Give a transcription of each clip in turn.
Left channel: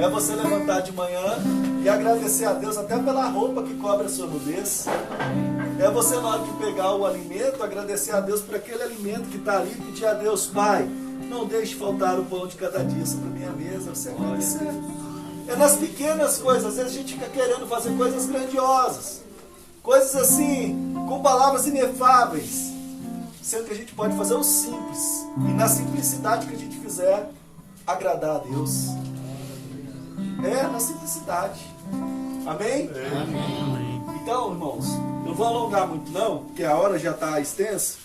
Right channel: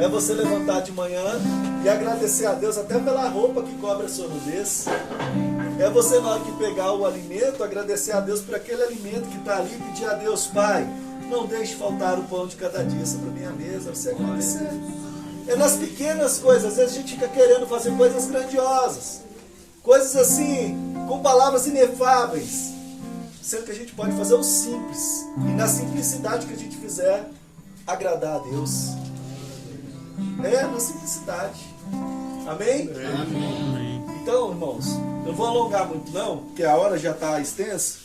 É você levantar de manhã e agradecer a Deus até pela roupa que cobre a sua nudez. É você, na hora de pegar o alimento, agradecer a Deus por aquele alimento que está ali, pedir a Deus: Pai, não deixe faltar o pão de cada dia sobre a minha mesa. Você agradecer. É nas pequenas coisas. Às vezes a gente fica querendo fazer coisas grandiosas, coisas assim, com palavras inefáveis, sendo que a gente pode fazer o simples, e na simplicidade que a gente fizer, agradar a Deus. É, na simplicidade. Amém? Amém. Então, irmãos, eu não vou alongar muito não, porque a hora já está extensa.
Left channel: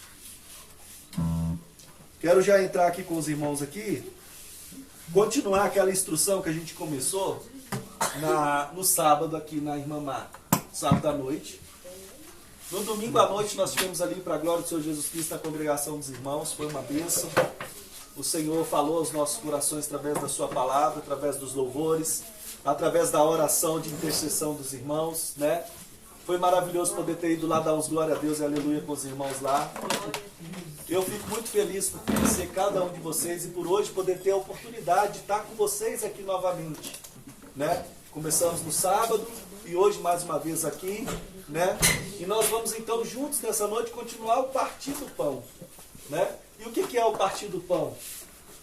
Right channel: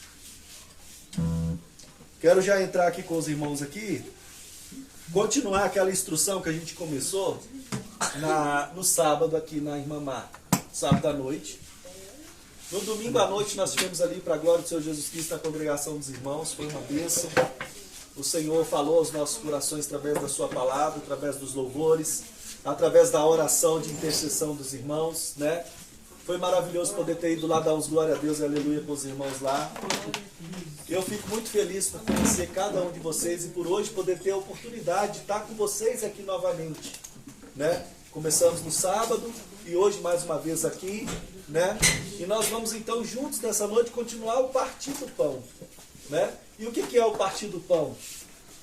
Quero já entrar aqui com os irmãos aqui, continuar aquela instrução que a gente começou no sábado aqui na Irmã Marta, sábado à noite. No domingo à noite nós tivemos ali, para a glória do Senhor Jesus Cristo, na congregação dos irmãos. Foi uma bênção. O Senhor falou aos nossos corações através da sua palavra, através dos louvores, através da oração de intercessão dos irmãos, né? Foi maravilhoso poder ter ido lá dar uns glória a Deus e aleluia com os irmãos lá. Eu fico muito feliz por conhecer cada um de vocês e por hoje poder ter a oportunidade de estar com vocês aqui novamente, né? Começamos no sábado e hoje mais uma vez aqui, né? E nós vamos então juntos nessa noite continuar o partir do pão, né? E o que é o partir do pão?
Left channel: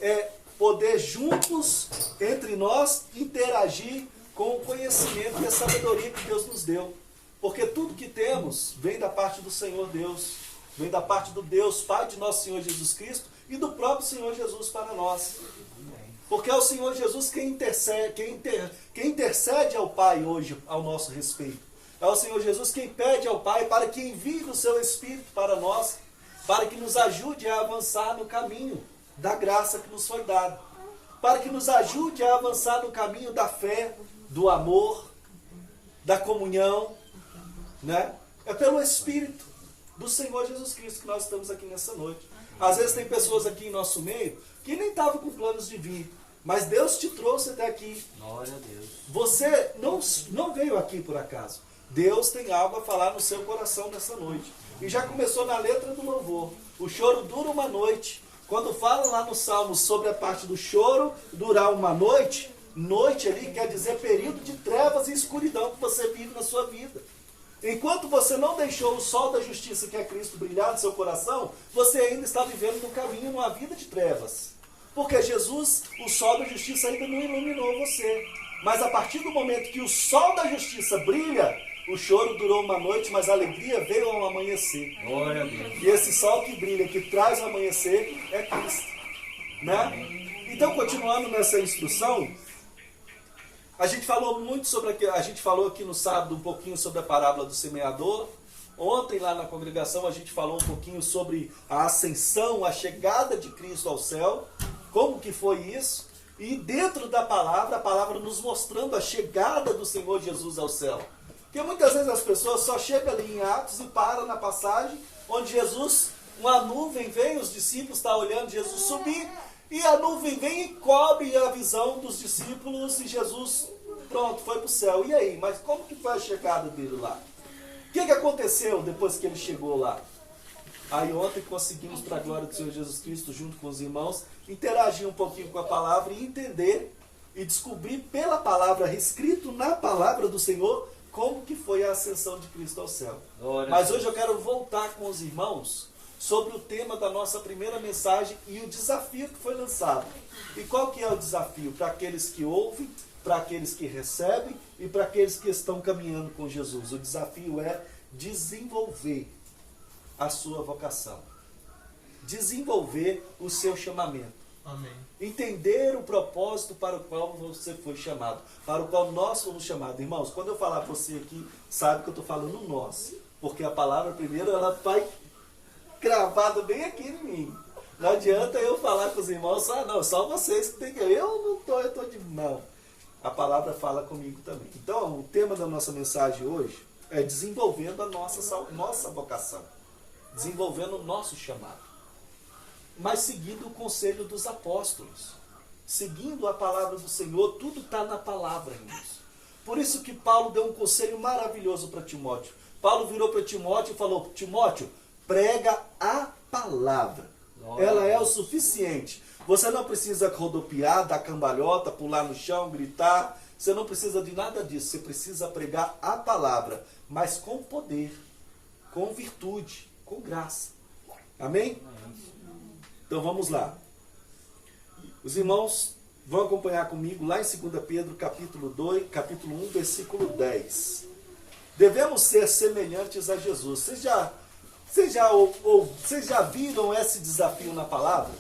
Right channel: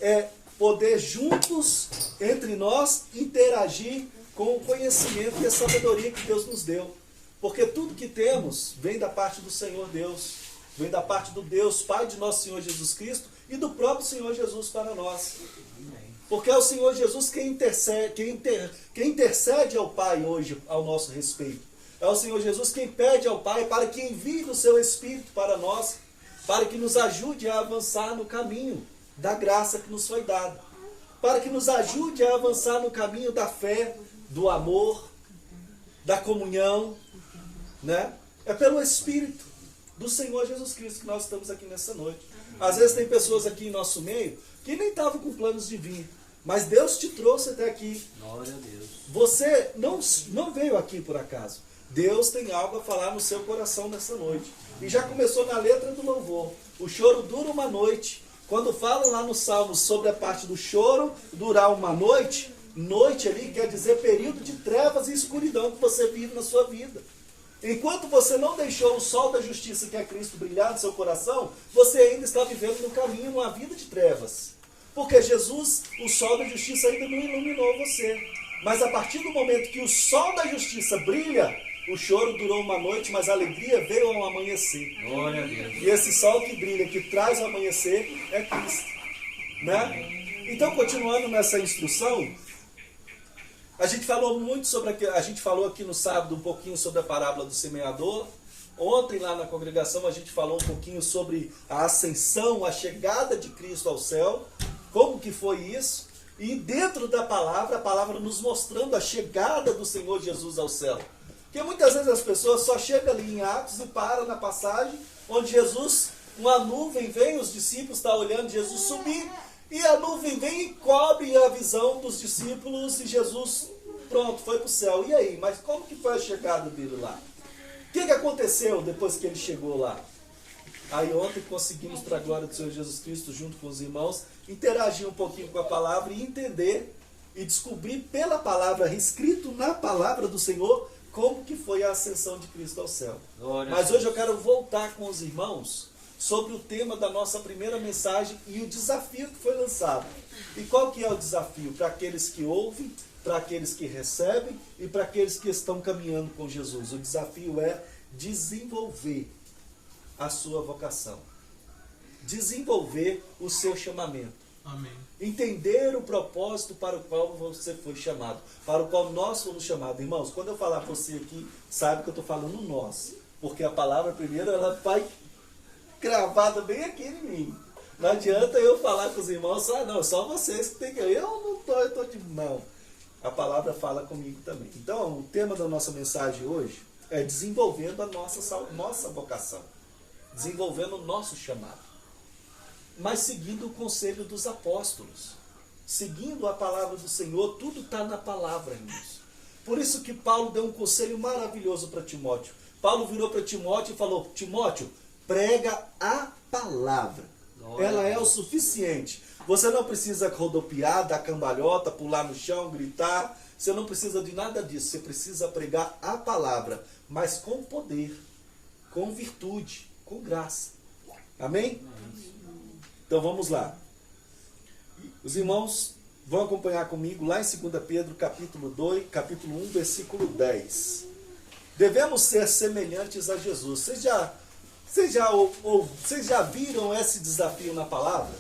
É poder juntos, entre nós, interagir com o conhecimento e a sabedoria que Deus nos deu. Porque tudo que temos vem da parte do Senhor Deus, vem da parte do Deus Pai de nosso Senhor Jesus Cristo e do próprio Senhor Jesus para nós. Porque é o Senhor Jesus quem intercede ao Pai hoje ao nosso respeito. É o Senhor Jesus quem pede ao Pai para que envie o seu Espírito para nós, para que nos ajude a avançar no caminho da graça que nos foi dada, para que nos ajude a avançar no caminho da fé, do amor, da comunhão, né? É pelo Espírito do Senhor Jesus Cristo que nós estamos aqui nessa noite. Às vezes tem pessoas aqui em nosso meio que nem estavam com planos de vir, mas Deus te trouxe até aqui. Glória a Deus. Você não veio aqui por acaso. Deus tem algo a falar no seu coração nessa noite. E já começou na letra do louvor. O choro dura uma noite. Quando fala lá no Salmo sobre a parte do choro durar uma noite, noite ali quer dizer período de trevas e escuridão que você vive na sua vida. Enquanto você não deixou o sol da justiça, que é Cristo, brilhar no seu coração, você ainda está vivendo no caminho, uma vida de trevas. Porque Jesus, o sol da justiça, ainda não iluminou você. Mas a partir do momento que o sol da justiça brilha, o choro durou uma noite, mas a alegria veio ao amanhecer. Glória a Deus. E esse sol que brilha, que traz o amanhecer, é Cristo. Né? Então, continuando nessa instrução, a gente falou muito a gente falou aqui no sábado um pouquinho sobre a parábola do semeador. Ontem lá na congregação a gente falou um pouquinho sobre a ascensão, a chegada de Cristo ao céu, como que foi isso. E dentro da palavra, a palavra nos mostrando a chegada do Senhor Jesus ao céu. Porque muitas vezes as pessoas só chegam ali em Atos e param na passagem onde Jesus, uma nuvem vem, os discípulos estão olhando Jesus subir, e a nuvem vem e cobre a visão dos discípulos e Jesus, pronto, foi para o céu. E aí? Mas como que foi a chegada dele lá? O que aconteceu depois que ele chegou lá? Aí ontem conseguimos, para a glória do Senhor Jesus Cristo, junto com os irmãos, interagir um pouquinho com a palavra e entender e descobrir pela palavra, escrito na palavra do Senhor, como que foi a ascensão de Cristo ao céu. Mas hoje eu quero voltar com os irmãos sobre o tema da nossa primeira mensagem e o desafio que foi lançado. E qual que é o desafio? Para aqueles que ouvem, para aqueles que recebem e para aqueles que estão caminhando com Jesus. O desafio é desenvolver a sua vocação. Desenvolver o seu chamamento. Amém. Entender o propósito para o qual você foi chamado, para o qual nós fomos chamados. Irmãos, quando eu falar para você aqui, sabe que eu estou falando nós, porque a palavra primeiro ela vai gravada bem aqui em mim. Não adianta eu falar com os irmãos, não, só vocês que tem que... Eu não estou, eu estou de... Não, a palavra fala comigo também. Então, o tema da nossa mensagem hoje é desenvolvendo a nossa vocação, desenvolvendo o nosso chamado. Mas seguindo o conselho dos apóstolos, seguindo a palavra do Senhor, tudo está na palavra, irmãos. Por isso que Paulo deu um conselho maravilhoso para Timóteo. Paulo virou para Timóteo e falou: Timóteo, prega a palavra. Ela é o suficiente. Você não precisa rodopiar, dar cambalhota, pular no chão, gritar. Você não precisa de nada disso. Você precisa pregar a palavra, mas com poder, com virtude, com graça. Amém? Então vamos lá. Os irmãos vão acompanhar comigo lá em 2 Pedro, capítulo 1, versículo 10. Devemos ser semelhantes a Jesus. Vocês já viram esse desafio na palavra?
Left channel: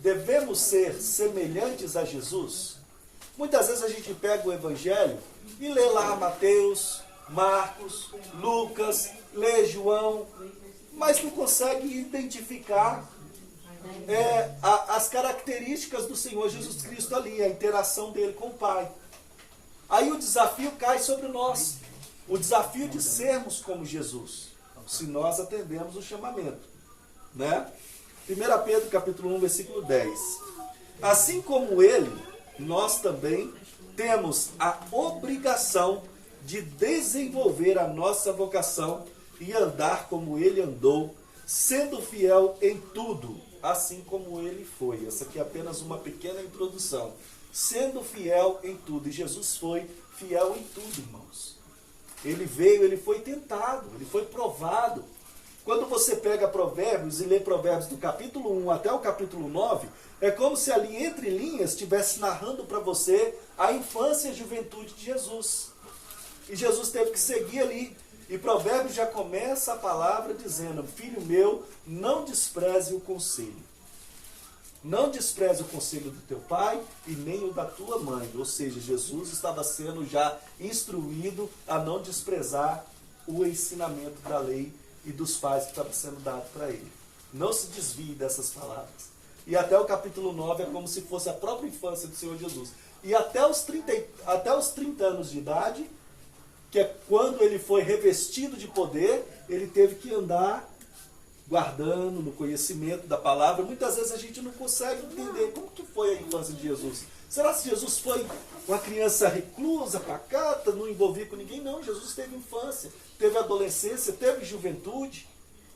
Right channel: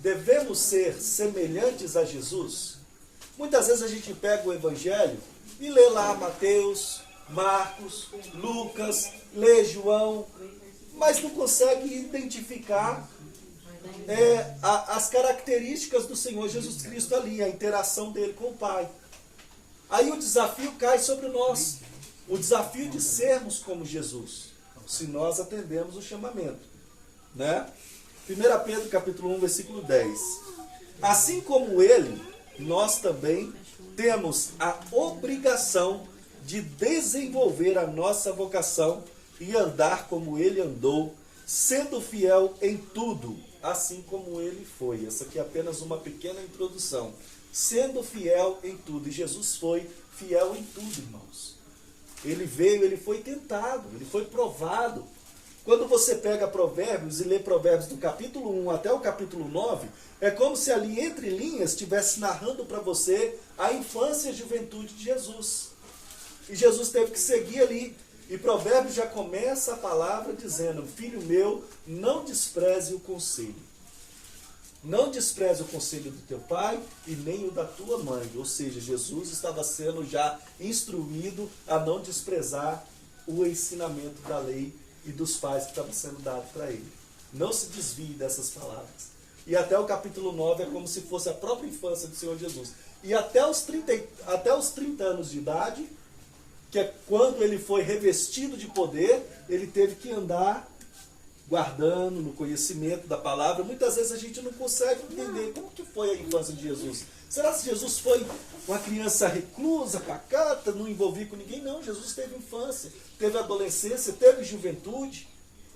Devemos ser semelhantes a Jesus. Muitas vezes a gente pega o Evangelho e lê lá Mateus, Marcos, Lucas, lê João, mas não consegue identificar as características do Senhor Jesus Cristo ali, a interação dele com o Pai. Aí o desafio cai sobre nós. O desafio de sermos como Jesus, se nós atendemos o chamamento. Né? 1 Pedro capítulo 1, versículo 10. Assim como ele, nós também temos a obrigação de desenvolver a nossa vocação e andar como ele andou, sendo fiel em tudo, assim como ele foi. Essa aqui é apenas uma pequena introdução. Sendo fiel em tudo. E Jesus foi fiel em tudo, irmãos. Ele veio, ele foi tentado, ele foi provado. Quando você pega Provérbios e lê Provérbios do capítulo 1 até o capítulo 9, é como se ali entre linhas estivesse narrando para você a infância e a juventude de Jesus. E Jesus teve que seguir ali. E Provérbios já começa a palavra dizendo: filho meu, não despreze o conselho. Não despreze o conselho do teu pai e nem o da tua mãe. Ou seja, Jesus estava sendo já instruído a não desprezar o ensinamento da lei e dos pais que estava sendo dado para ele. Não se desvie dessas palavras. E até o capítulo 9 é como se fosse a própria infância do Senhor Jesus. E até os 30 anos de idade, que é quando ele foi revestido de poder, ele teve que andar guardando no conhecimento da palavra. Muitas vezes a gente não consegue entender como que foi a infância de Jesus. Será que Jesus foi uma criança reclusa, pacata, não envolvia com ninguém? Não, Jesus teve infância, teve adolescência, teve juventude,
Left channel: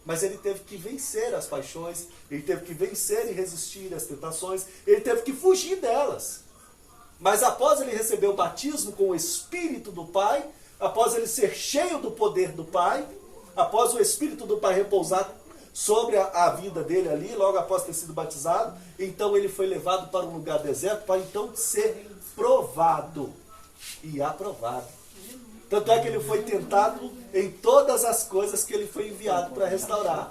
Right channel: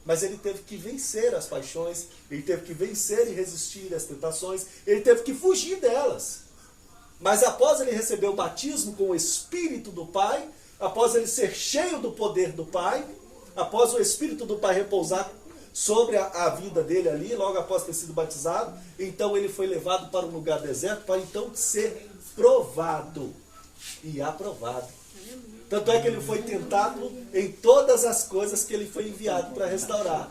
mas ele teve que vencer as paixões, ele teve que vencer e resistir às tentações, ele teve que fugir delas. Mas após ele receber o batismo com o Espírito do Pai, após ele ser cheio do poder do Pai, após o Espírito do Pai repousar sobre a vida dele ali, logo após ter sido batizado, então ele foi levado para um lugar deserto para então ser provado e aprovado. Tanto é que ele foi tentado em todas as coisas que ele foi enviado para restaurar.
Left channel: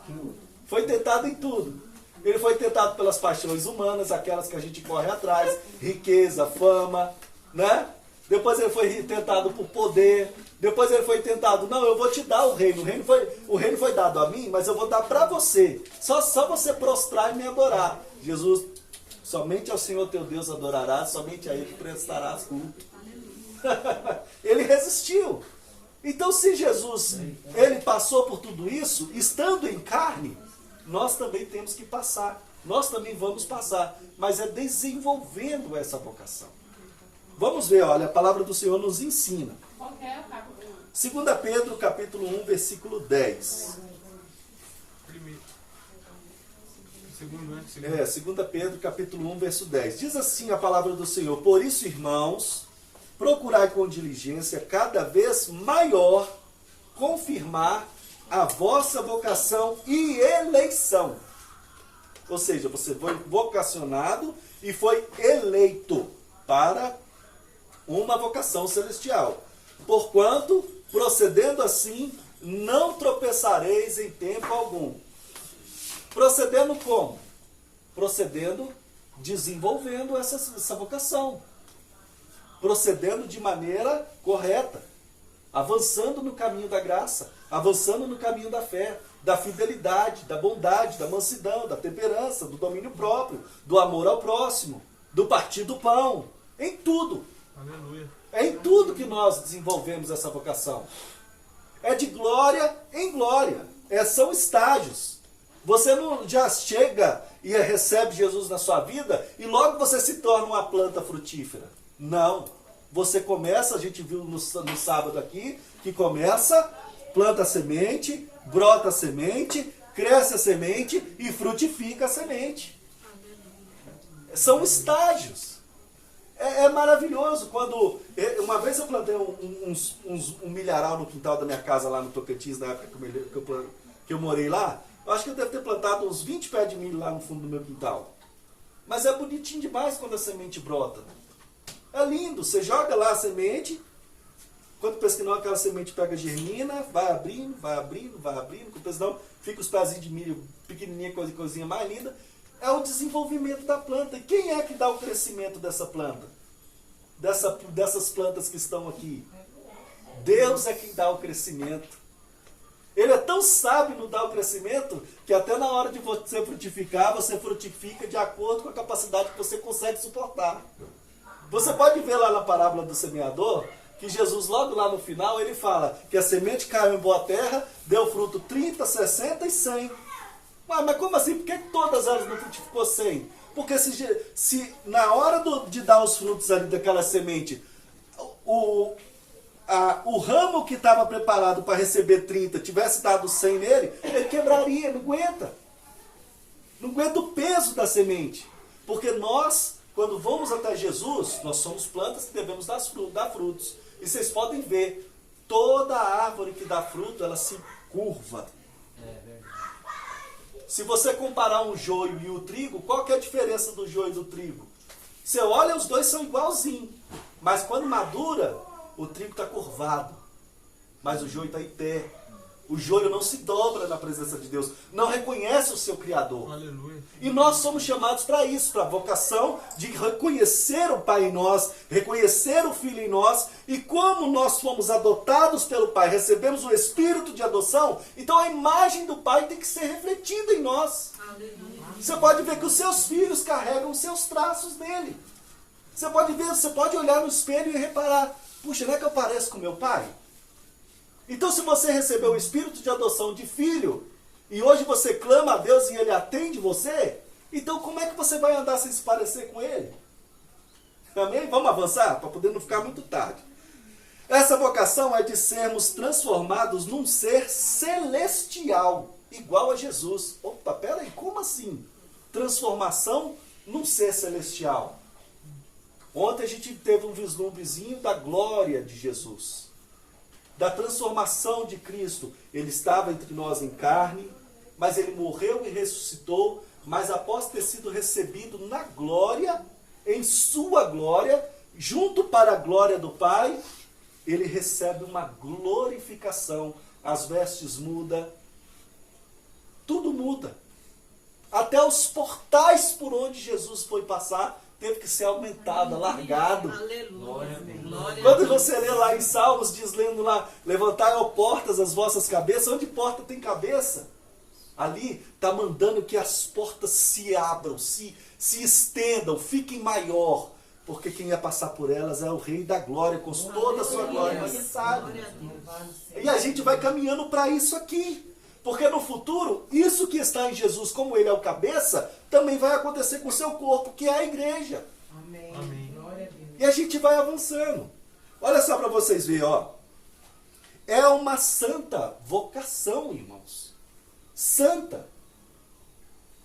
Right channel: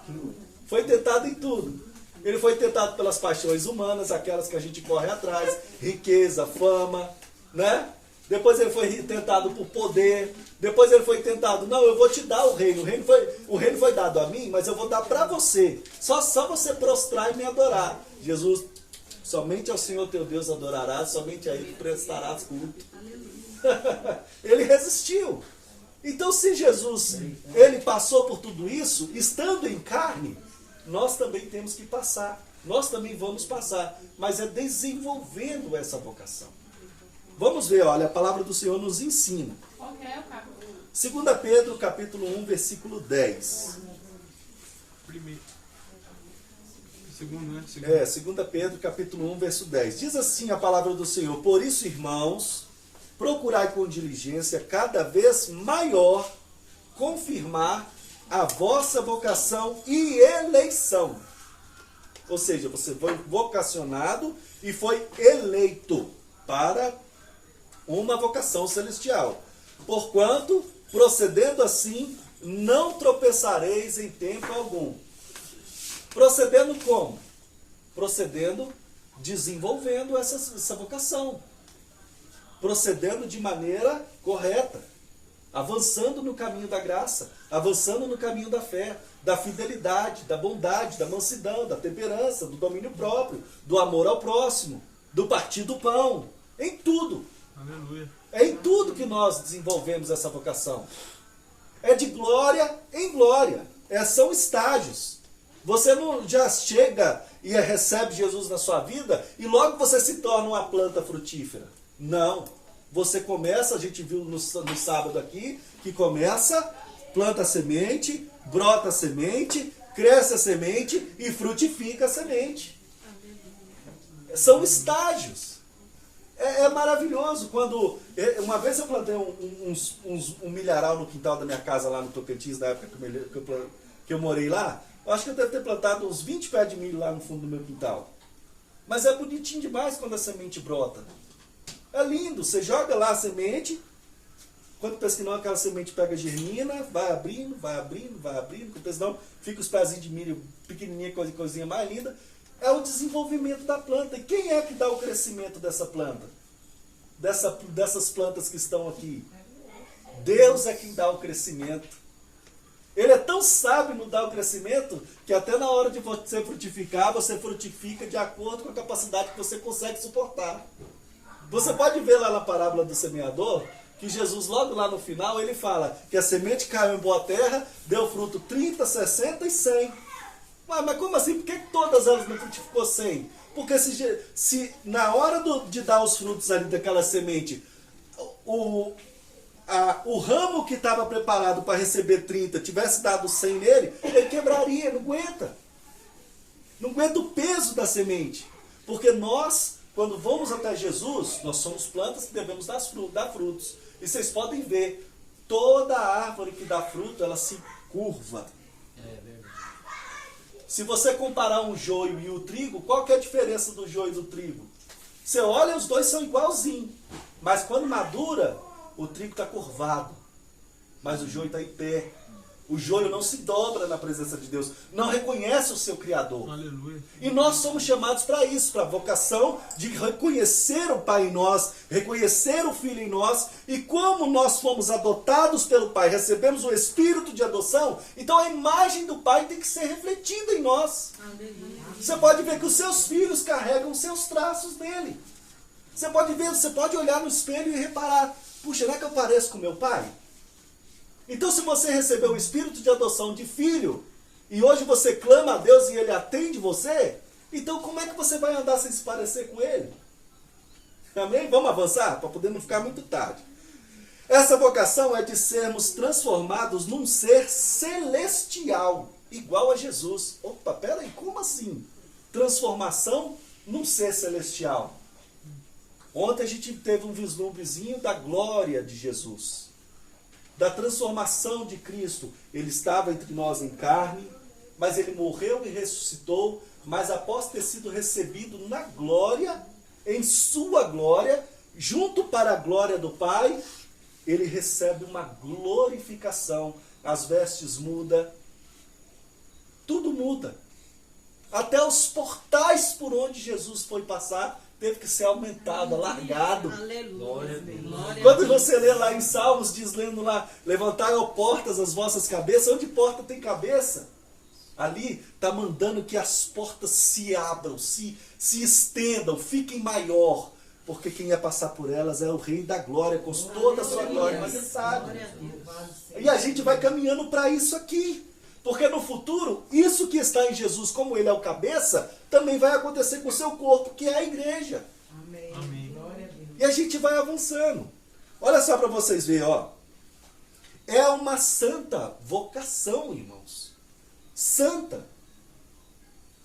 Foi tentado em tudo. Ele foi tentado pelas paixões humanas, aquelas que a gente corre atrás, riqueza, fama, né? Depois ele foi tentado por poder. Depois ele foi tentado, não, eu vou te dar o reino. O reino foi dado a mim, mas eu vou dar para você. Só você prostrar e me adorar. Jesus, somente ao Senhor teu Deus adorarás, somente a Ele prestarás culto. Ele resistiu. Então, se Jesus, ele passou por tudo isso, estando em carne, nós também temos que passar. Nós também vamos passar. Mas é desenvolvendo essa vocação. Vamos ver, olha, a palavra do Senhor nos ensina. 2 Pedro, capítulo 1, versículo 10. Segundo. 2 Pedro, capítulo 1, verso 10. Diz assim a palavra do Senhor: por isso, irmãos, procurai com diligência cada vez maior confirmar a vossa vocação e eleição. Ou seja, você foi vocacionado e foi eleito para uma vocação celestial. Porquanto, procedendo assim, não tropeçareis em tempo algum. Procedendo como? Procedendo, desenvolvendo essa vocação. Procedendo de maneira correta. Avançando no caminho da graça. Avançando no caminho da fé. Da fidelidade, da bondade, da mansidão, da temperança, do domínio próprio, do amor ao próximo, do partir do pão. Em tudo. Aleluia. É em tudo que nós desenvolvemos essa vocação. É de glória em glória. São estágios. Você não já chega e recebe Jesus na sua vida e logo você se torna uma planta frutífera. Não. Você começa, a gente viu no sábado aqui, que começa, planta a semente, brota a semente, cresce a semente e frutifica a semente. São estágios. É maravilhoso. Uma vez eu plantei um milharal no quintal da minha casa lá no Tocantins, na época que eu morei lá. Eu acho que eu devo ter plantado uns 20 pés de milho lá no fundo do meu quintal. Mas é bonitinho demais quando a semente brota. É lindo. Você joga lá a semente. Quando pensa que não, aquela semente pega germina, vai abrindo. Quando pensa não, fica os pezinhos de milho pequenininha, coisinha mais linda. É o desenvolvimento da planta. E quem é que dá o crescimento dessa planta? Dessas plantas que estão aqui? Deus é quem dá o crescimento. Ele é tão sábio no dar o crescimento que até na hora de você frutificar, você frutifica de acordo com a capacidade que você consegue suportar. Você pode ver lá na parábola do semeador, que Jesus logo lá no final, ele fala que a semente caiu em boa terra, deu fruto 30, 60 e 100. Mas como assim? Por que todas elas não frutificou 100? Porque se na hora de dar os frutos ali daquela semente, o ramo que estava preparado para receber 30 tivesse dado 100 nele, ele quebraria, não aguenta. Não aguenta o peso da semente. Porque nós, quando vamos até Jesus, nós somos plantas que devemos dar frutos. E vocês podem ver, toda árvore que dá fruto, ela se curva. Se você comparar um joio e o trigo, qual que é a diferença do joio e do trigo? Você olha, os dois são igualzinhos. Mas quando madura, o trigo está curvado. Mas o joio está em pé. O joio não se dobra na presença de Deus. Não reconhece o seu Criador. Aleluia. E nós somos chamados para isso, para a vocação de reconhecer o Pai em nós, reconhecer o Filho em nós. E como nós fomos adotados pelo Pai, recebemos o Espírito de adoção, então a imagem do Pai tem que ser refletida em nós. Aleluia. Você pode ver que os seus filhos carregam os seus traços dele. Você pode ver, você pode olhar no espelho e reparar, puxa, não é que eu pareço com meu pai? Então, se você recebeu o espírito de adoção de filho, e hoje você clama a Deus e ele atende você, então como é que você vai andar sem se parecer com ele? Amém? Vamos avançar, para poder não ficar muito tarde. Essa vocação é de sermos transformados num ser celestial, igual a Jesus. Opa, peraí, como assim? Transformação num ser celestial. Ontem a gente teve um vislumbrezinho da glória de Jesus, da transformação de Cristo. Ele estava entre nós em carne, mas ele morreu e ressuscitou, mas após ter sido recebido na glória, em sua glória, junto para a glória do Pai, ele recebe uma glorificação. As vestes mudam, tudo muda. Até os portais por onde Jesus foi passar teve que ser aumentado, alargado. Aleluia. Glória Quando a Deus. você lê lá em Salmos, diz lendo lá, levantai, ó portas, as vossas cabeças. Onde porta tem cabeça? Ali está mandando que as portas se abram, se estendam, fiquem maior. Porque quem ia passar por elas é o Rei da Glória, com toda a sua glória e majestade. Glória a Deus. E a gente vai caminhando para isso aqui. Porque no futuro, isso que está em Jesus, como ele é o cabeça, também vai acontecer com o seu corpo, que é a igreja. Amém. Amém. Glória a Deus. E a gente vai avançando. Olha só para vocês verem, ó. É uma santa vocação, irmãos. Santa.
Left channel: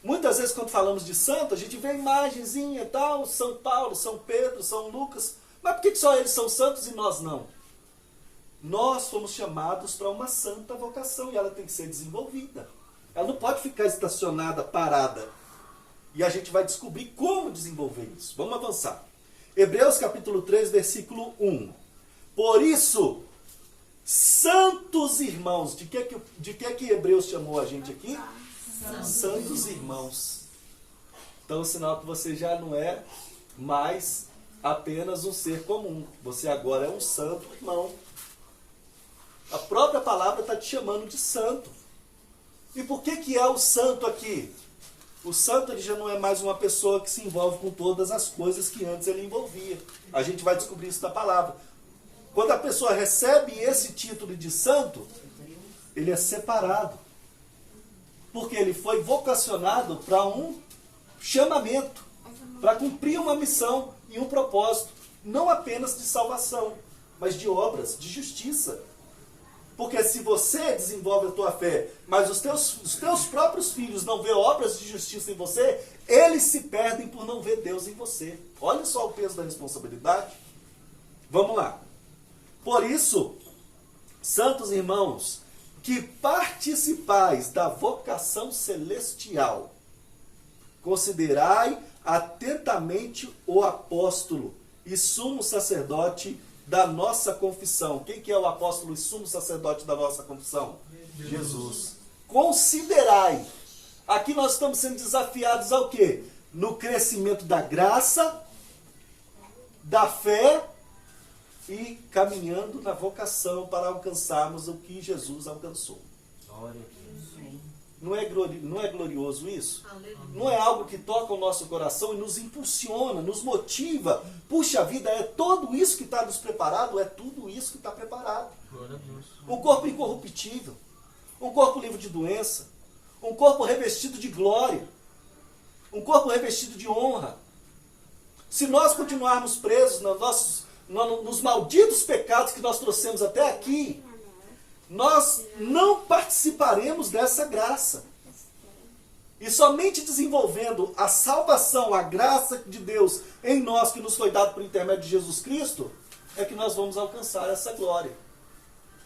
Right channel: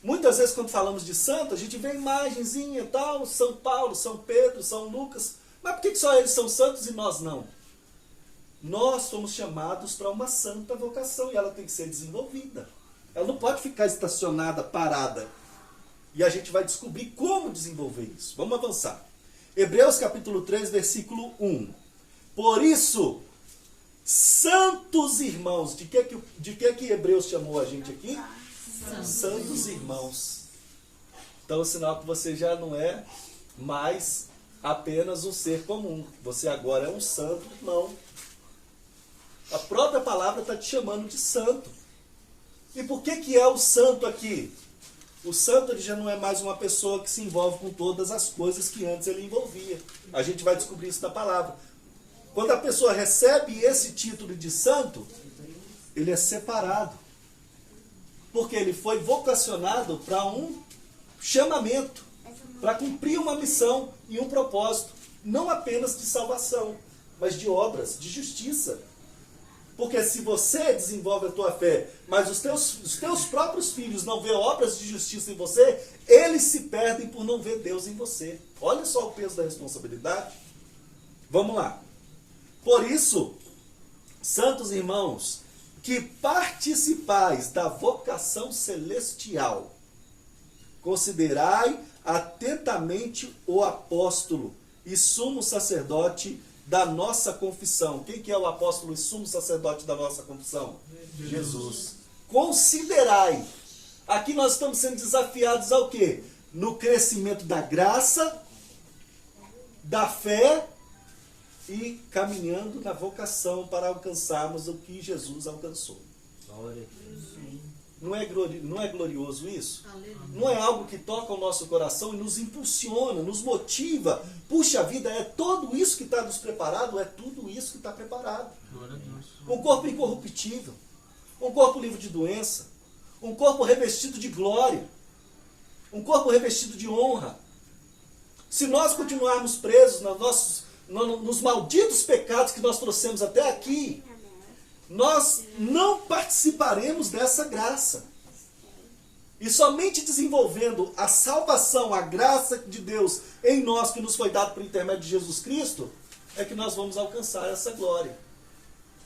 Muitas vezes quando falamos de santo, a gente vê imagenzinha e tal, São Paulo, São Pedro, São Lucas. Mas por que só eles são santos e nós não? Nós fomos chamados para uma santa vocação e ela tem que ser desenvolvida. Ela não pode ficar estacionada, parada. E a gente vai descobrir como desenvolver isso. Vamos avançar. Hebreus capítulo 3, versículo 1. Por isso, santos irmãos, de que Hebreus chamou a gente aqui? Santos irmãos. Então, sinal que você já não é mais apenas um ser comum. Você agora é um santo irmão. A própria palavra está te chamando de santo. E por que é o santo aqui? O santo ele já não é mais uma pessoa que se envolve com todas as coisas que antes ele envolvia. A gente vai descobrir isso na palavra. Quando a pessoa recebe esse título de santo, ele é separado. Porque ele foi vocacionado para um chamamento, para cumprir uma missão e um propósito. Não apenas de salvação, mas de obras, de justiça. Porque se você desenvolve a tua fé, mas os teus próprios filhos não vê obras de justiça em você, eles se perdem por não ver Deus em você. Olha só o peso da responsabilidade. Vamos lá. Por isso, santos irmãos, que participais da vocação celestial, considerai atentamente o apóstolo e sumo sacerdote da nossa confissão. Quem que é o apóstolo e sumo sacerdote da nossa confissão? Jesus. Considerai. Aqui nós estamos sendo desafiados ao quê? No crescimento da graça, da fé e caminhando na vocação para alcançarmos o que Jesus alcançou. Glória a Deus. Não é glorioso isso? Não é algo que toca o nosso coração e nos impulsiona, nos motiva? Puxa vida, é tudo isso que está nos preparado? É tudo isso que está preparado. Um corpo incorruptível, um corpo livre de doença, um corpo revestido de glória, um corpo revestido de honra. Se nós continuarmos presos nos malditos pecados que nós trouxemos até aqui, nós não participaremos dessa graça. E somente desenvolvendo a salvação, a graça de Deus em nós, que nos foi dado por intermédio de Jesus Cristo, é que nós vamos alcançar essa glória.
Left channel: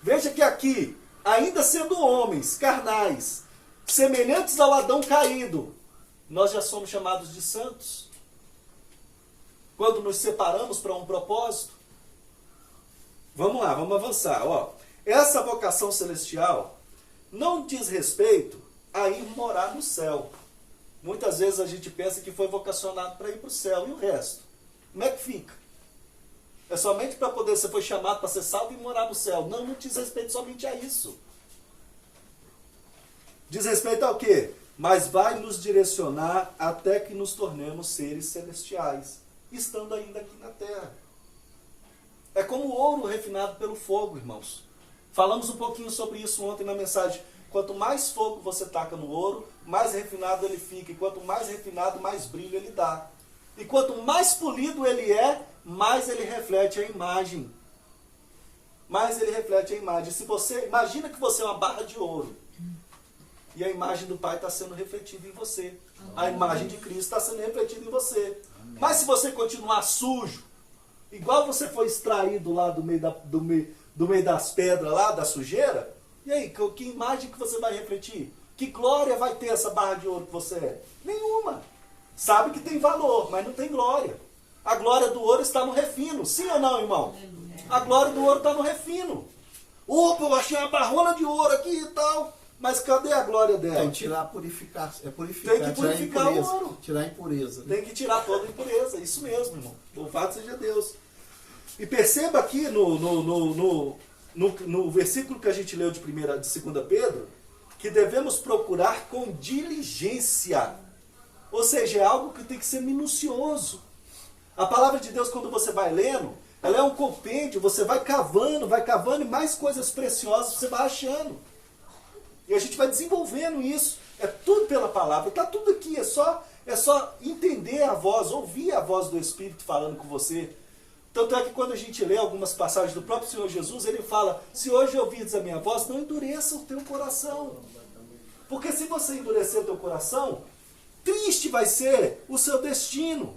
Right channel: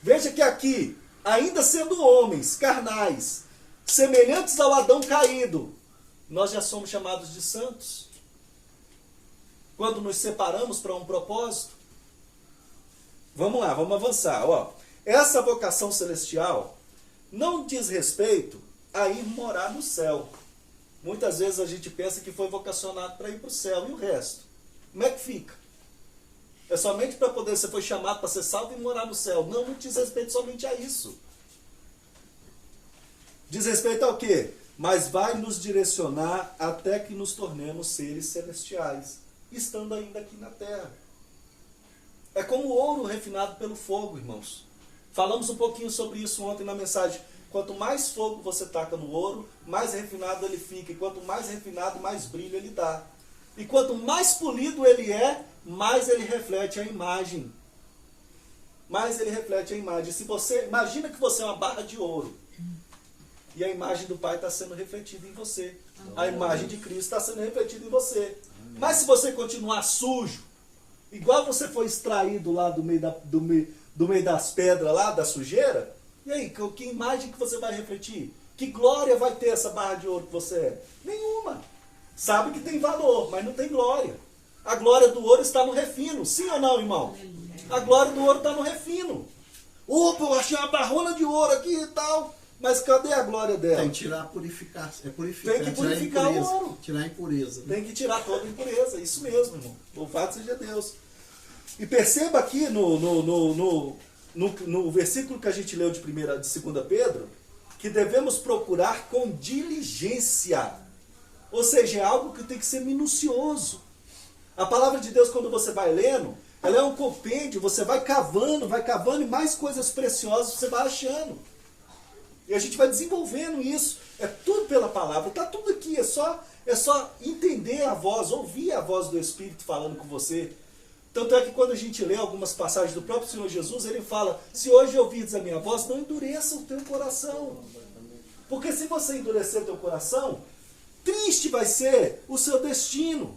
Veja que aqui, ainda sendo homens carnais, semelhantes ao Adão caído, nós já somos chamados de santos. Quando nos separamos para um propósito. Vamos lá, vamos avançar. Ó. Essa vocação celestial não diz respeito a ir morar no céu. Muitas vezes a gente pensa que foi vocacionado para ir para o céu. E o resto? Como é que fica? É somente para poder, você foi chamado para ser salvo e morar no céu. Não, não diz respeito somente a isso. Diz respeito ao quê? Mas vai nos direcionar até que nos tornemos seres celestiais, estando ainda aqui na terra. É como o ouro refinado pelo fogo, irmãos. Falamos um pouquinho sobre isso ontem na mensagem. Quanto mais fogo você taca no ouro, mais refinado ele fica. E quanto mais refinado, mais brilho ele dá. E quanto mais polido ele é, mais ele reflete a imagem. Mais ele reflete a imagem. Se você imagina que você é uma barra de ouro, e a imagem do Pai está sendo refletida em você. A imagem de Cristo está sendo refletida em você. Mas se você continuar sujo, igual você foi extraído lá do meio das pedras lá, da sujeira, e aí, que imagem que você vai refletir? Que glória vai ter essa barra de ouro que você é? Nenhuma. Sabe que tem valor, mas não tem glória. A glória do ouro está no refino. Sim ou não, irmão? A glória do ouro está no refino. Opa, eu achei uma barrona de ouro aqui e tal. Mas cadê a glória dela? Tem que tirar, purificar. Purificar, tem que purificar o ouro. Tirar a impureza. Tem que tirar toda a impureza. Isso mesmo, irmão. Louvado seja Deus. E perceba aqui no versículo que a gente leu de 2 Pedro, que devemos procurar com diligência. Ou seja, é algo que tem que ser minucioso. A palavra de Deus, quando você vai lendo, ela é um compêndio, você vai cavando e mais coisas preciosas você vai achando. E a gente vai desenvolvendo isso. É tudo pela palavra. Está tudo aqui. É só entender a voz, ouvir a voz do Espírito falando com você. Tanto é que quando a gente lê algumas passagens do próprio Senhor Jesus, ele fala, se hoje ouvides a minha voz, não endureça o teu coração. Porque se você endurecer o teu coração, triste vai ser o seu destino.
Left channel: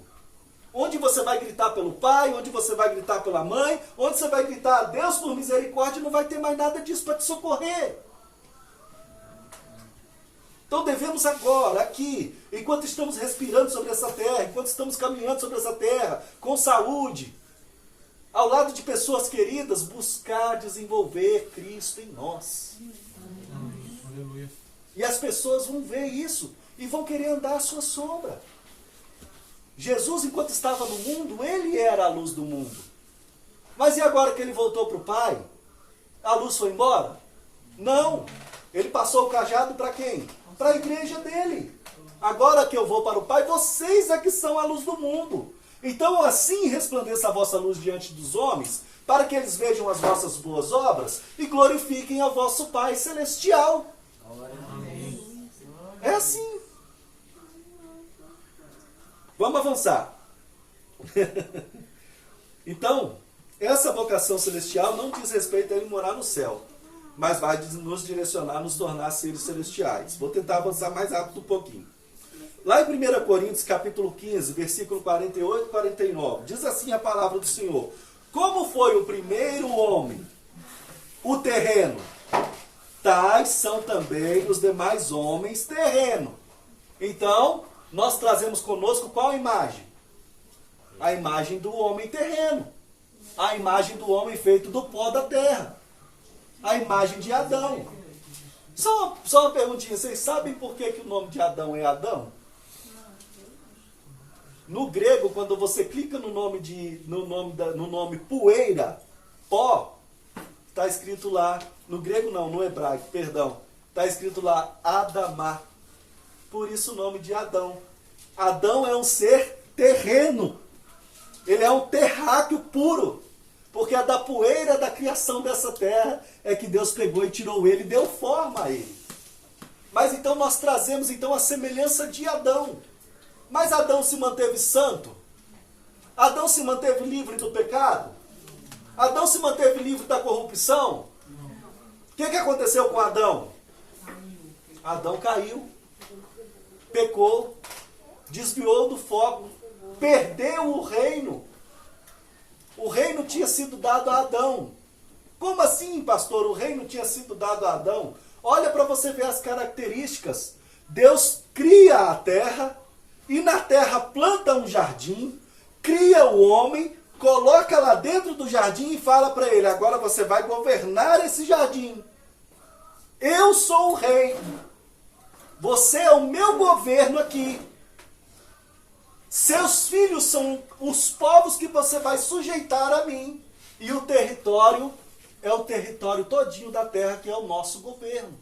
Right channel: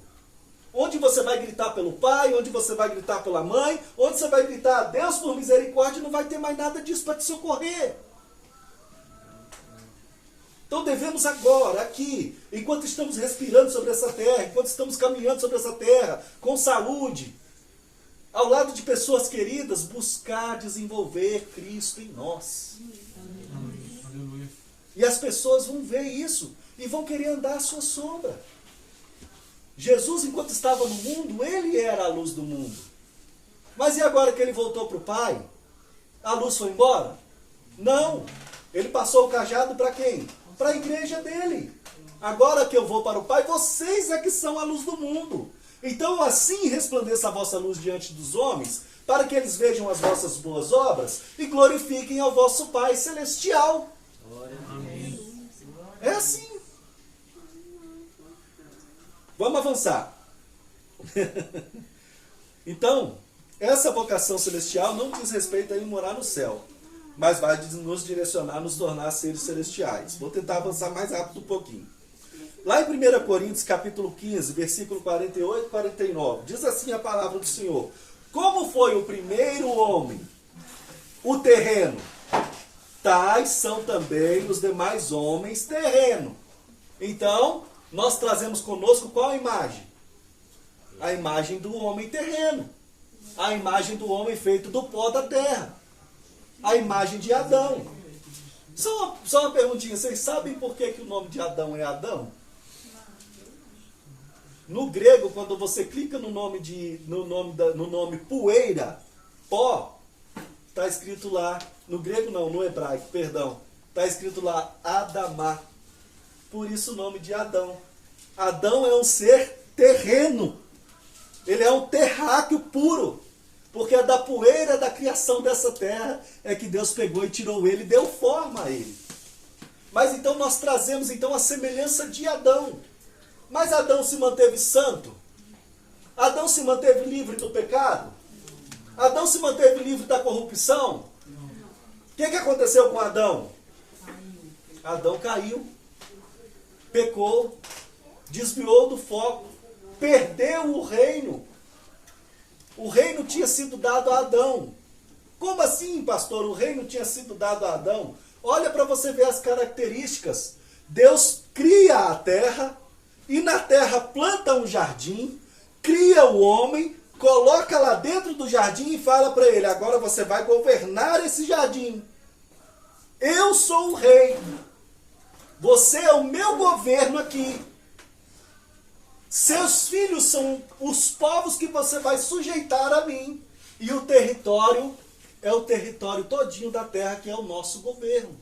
Onde você vai gritar pelo pai, onde você vai gritar pela mãe, onde você vai gritar a Deus por misericórdia, não vai ter mais nada disso para te socorrer. Então devemos agora, aqui, enquanto estamos respirando sobre essa terra, enquanto estamos caminhando sobre essa terra, com saúde, ao lado de pessoas queridas, buscar desenvolver Cristo em nós. Aleluia. E as pessoas vão ver isso e vão querer andar à sua sombra. Jesus, enquanto estava no mundo, ele era a luz do mundo. Mas e agora que ele voltou para o Pai? A luz foi embora? Não. Ele passou o cajado para quem? Para a igreja dele. Agora que eu vou para o Pai, vocês é que são a luz do mundo. Então assim resplandeça a vossa luz diante dos homens, para que eles vejam as vossas boas obras e glorifiquem ao vosso Pai celestial. Amém. É assim. Vamos avançar. Então, essa vocação celestial não diz respeito a ir morar no céu. mas vai nos direcionar, nos tornar seres celestiais. Vou tentar avançar mais rápido um pouquinho. Lá em 1 Coríntios, capítulo 15, versículo 48 e 49, diz assim a palavra do Senhor: como foi o primeiro homem, o terreno, tais são também os demais homens terreno. Então, nós trazemos conosco qual imagem? A imagem do homem terreno. A imagem do homem feito do pó da terra. A imagem de Adão. Só uma perguntinha, vocês sabem por que o nome de Adão é Adão? No grego, quando você clica no nome poeira, pó, está escrito lá, no grego não, no hebraico, perdão, está escrito lá Adamá. Por isso o nome de Adão. Adão é um ser terreno. Ele é um terráqueo puro. Porque é da poeira da criação dessa terra é que Deus pegou e tirou ele e deu forma a ele. Mas então nós trazemos então a semelhança de Adão. Mas Adão se manteve santo? Adão se manteve livre do pecado? Adão se manteve livre da corrupção? O que aconteceu com Adão? Adão caiu, pecou, desviou do foco, perdeu o reino. O reino tinha sido dado a Adão. Como assim, pastor? O reino tinha sido dado a Adão? Olha para você ver as características. Deus cria a terra e na terra planta um jardim, cria o homem, coloca lá dentro do jardim e fala para ele: agora você vai governar esse jardim. Eu sou o rei. Você é o meu governo aqui. Seus filhos são os povos que você vai sujeitar a mim. E o território é o território todinho da terra, que é o nosso governo.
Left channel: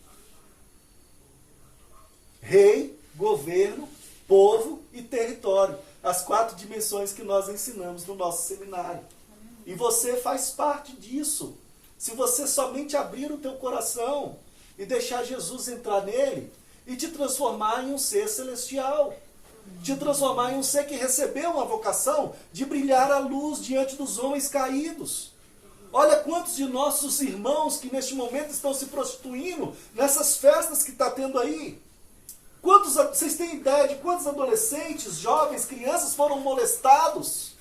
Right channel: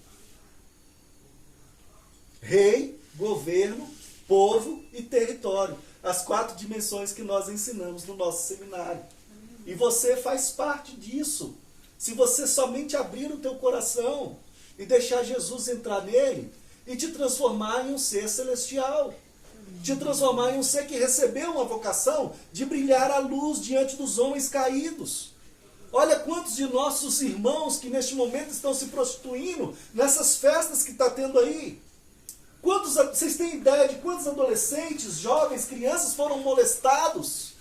Rei, governo, povo e território. As 4 dimensões que nós ensinamos no nosso seminário. E você faz parte disso. Se você somente abrir o teu coração e deixar Jesus entrar nele e te transformar em um ser celestial. Te transformar em um ser que recebeu uma vocação de brilhar a luz diante dos homens caídos. Olha quantos de nossos irmãos que neste momento estão se prostituindo nessas festas que está tendo aí. Vocês têm ideia de quantos adolescentes, jovens, crianças foram molestados?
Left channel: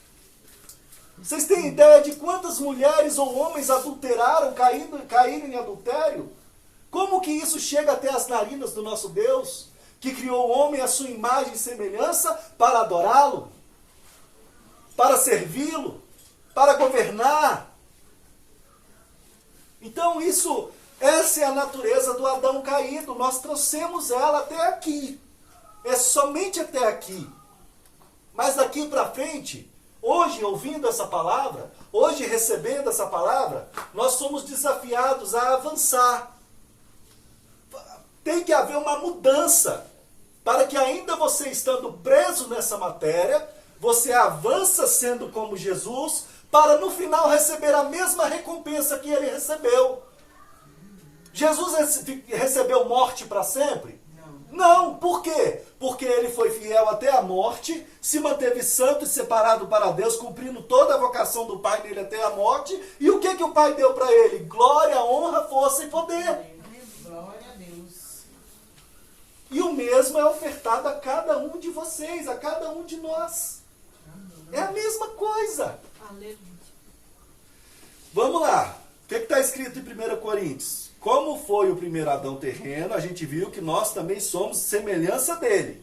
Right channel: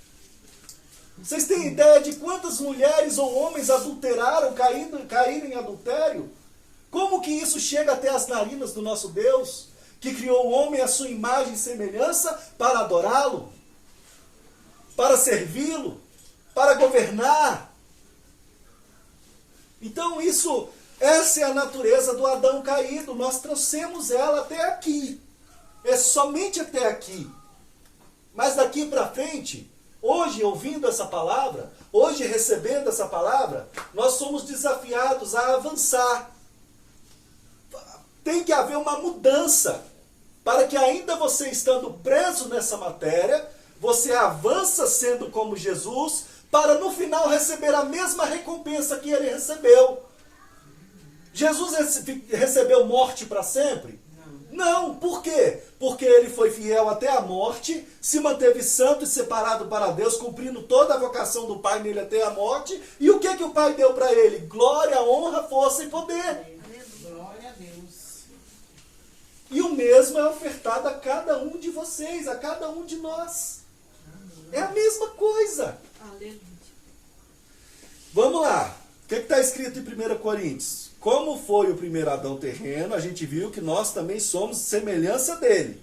Vocês têm ideia de quantas mulheres ou homens adulteraram, caíram em adultério? Como que isso chega até as narinas do nosso Deus, que criou o homem à sua imagem e semelhança para adorá-lo, para servi-lo, para governar? Então essa é a natureza do Adão caído. Nós trouxemos ela até aqui. É somente até aqui. Mas daqui para frente, hoje ouvindo essa palavra, hoje recebendo essa palavra, nós somos desafiados a avançar. Tem que haver uma mudança, para que ainda você estando preso nessa matéria, você avança sendo como Jesus, para no final receber a mesma recompensa que ele recebeu. Jesus recebeu morte para sempre? Não. Por quê? Porque ele foi fiel até a morte, se manteve santo e separado para Deus, cumprindo toda a vocação do Pai nele até a morte. E o que o Pai deu para ele? Glória, honra, força e poder. E o mesmo é ofertado a cada um de vocês, a cada um de nós. É a mesma coisa. Vamos lá. O que está escrito em 1 Coríntios? Como foi o primeiro Adão terreno, a gente viu que nós também somos semelhança dele.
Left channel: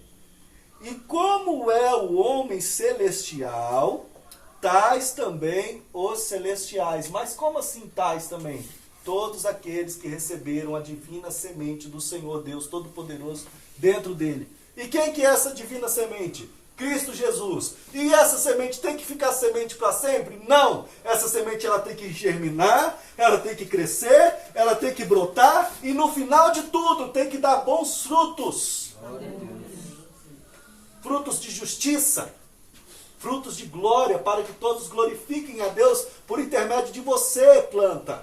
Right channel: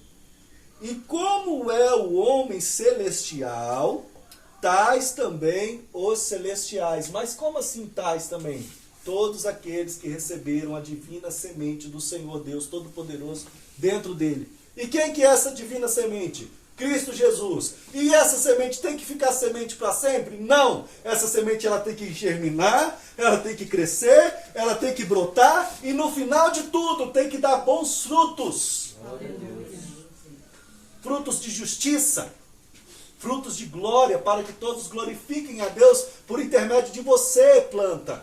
E como é o homem celestial, tais também os celestiais. Mas como assim tais também? Todos aqueles que receberam a divina semente do Senhor Deus Todo-Poderoso dentro dele. E quem que é essa divina semente? Cristo Jesus. E essa semente tem que ficar semente para sempre? Não. Essa semente ela tem que germinar, ela tem que crescer, ela tem que brotar e no final de tudo tem que dar bons frutos. Frutos de justiça, frutos de glória, para que todos glorifiquem a Deus por intermédio de você, planta.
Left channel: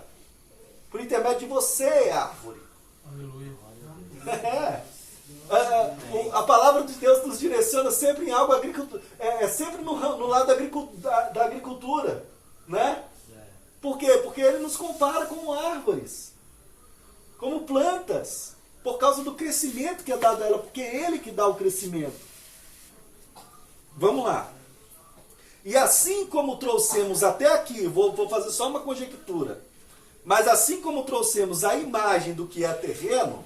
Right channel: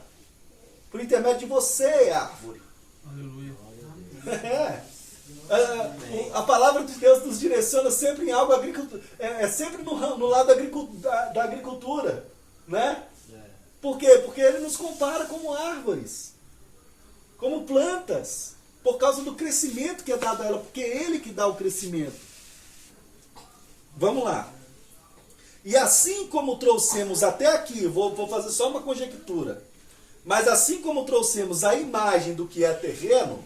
Por intermédio de você, árvore. Aleluia. A palavra de Deus nos direciona sempre em algo agricultura, sempre no lado da agricultura, né? Por quê? Porque ele nos compara com árvores. como plantas, por causa do crescimento que é dado a ela, porque é Ele que dá o crescimento. Vamos lá. E assim como trouxemos até aqui, vou fazer só uma conjectura, mas assim como trouxemos a imagem do que é terreno,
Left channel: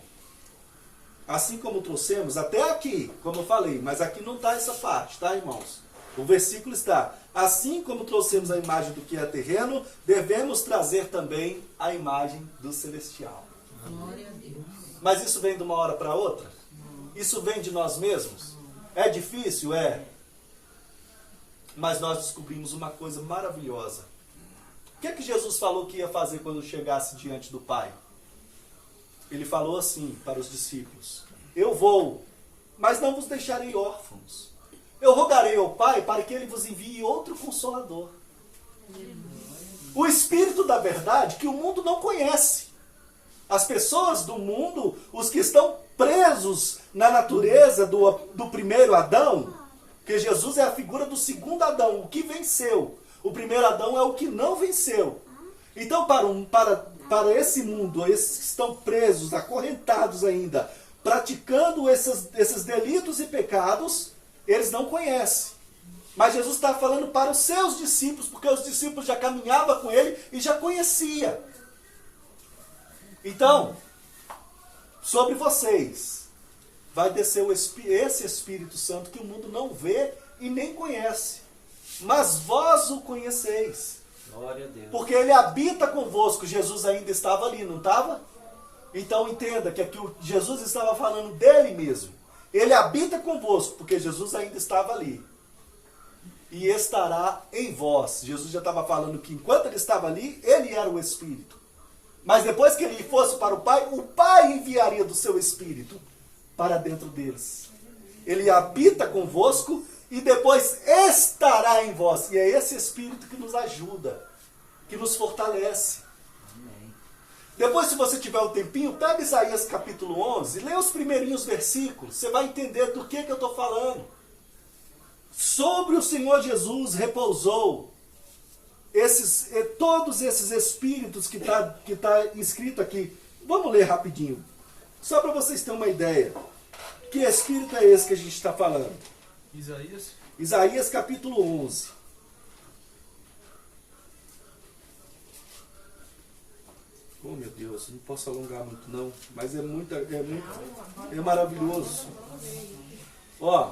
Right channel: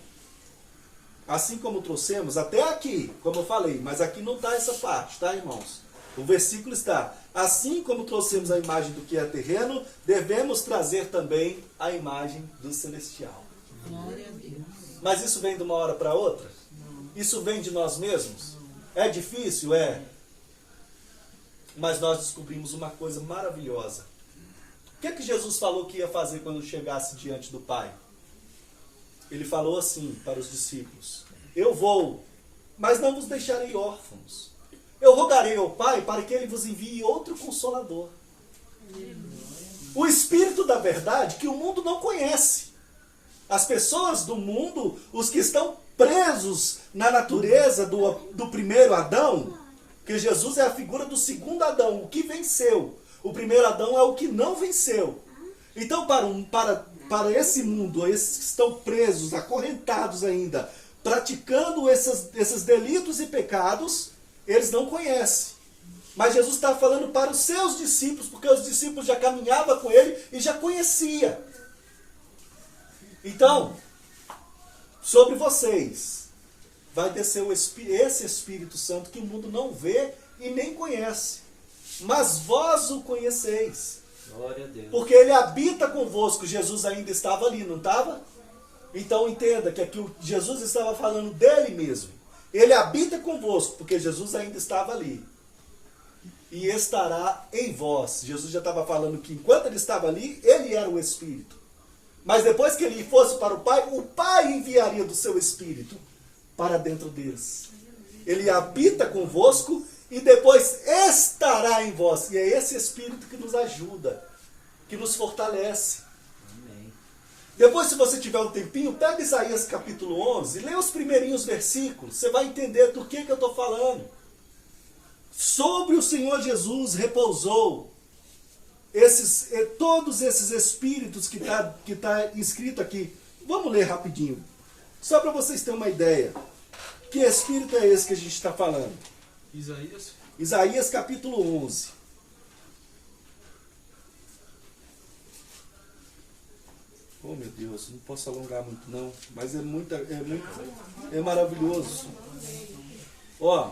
assim como trouxemos até aqui, como eu falei, mas aqui não está essa parte, tá, irmãos? O versículo está: assim como trouxemos a imagem do que é terreno, devemos trazer também a imagem do celestial. Glória a Deus. Mas isso vem de uma hora para outra? Isso vem de nós mesmos? É difícil? É. Mas nós descobrimos uma coisa maravilhosa. O que é que Jesus falou que ia fazer quando chegasse diante do Pai? Ele falou assim para os discípulos: eu vou, mas não vos deixarei órfãos. Eu rogarei ao Pai para que Ele vos envie outro Consolador. O Espírito da verdade que o mundo não conhece. As pessoas do mundo, os que estão presos na natureza do primeiro Adão, porque Jesus é a figura do segundo Adão, o que venceu. O primeiro Adão é o que não venceu. Então, para esse mundo, esses que estão presos, acorrentados ainda, praticando esses delitos e pecados, eles não conhecem. Mas Jesus está falando para os seus discípulos, porque os discípulos já caminhavam com ele e já conhecia. Então, sobre vocês vai descer esse Espírito Santo que o mundo não vê e nem conhece. Mas vós o conheceis. Glória a Deus. Porque ele habita convosco. Jesus ainda estava ali, não estava? Então entenda que aqui Jesus estava falando dele mesmo. Ele habita convosco, porque Jesus ainda estava ali. E estará em vós. Jesus já estava falando que enquanto ele estava ali, ele era o Espírito. Mas depois que ele fosse para o Pai enviaria do seu Espírito para dentro deles. Ele habita convosco e depois estará em vós. E é esse Espírito que nos ajuda, que nos fortalece. Amém. Depois, se você tiver um tempinho, pega Isaías capítulo 11, lê os primeirinhos versículos, você vai entender do que eu estou falando. Sobre o Senhor Jesus repousou todos esses espíritos que está escrito aqui. Vamos ler rapidinho, só para vocês terem uma ideia. Que espírito é esse que a gente está falando? Isaías. Isaías capítulo 11. Oh meu Deus, não posso alongar muito não, mas é maravilhoso. Ó.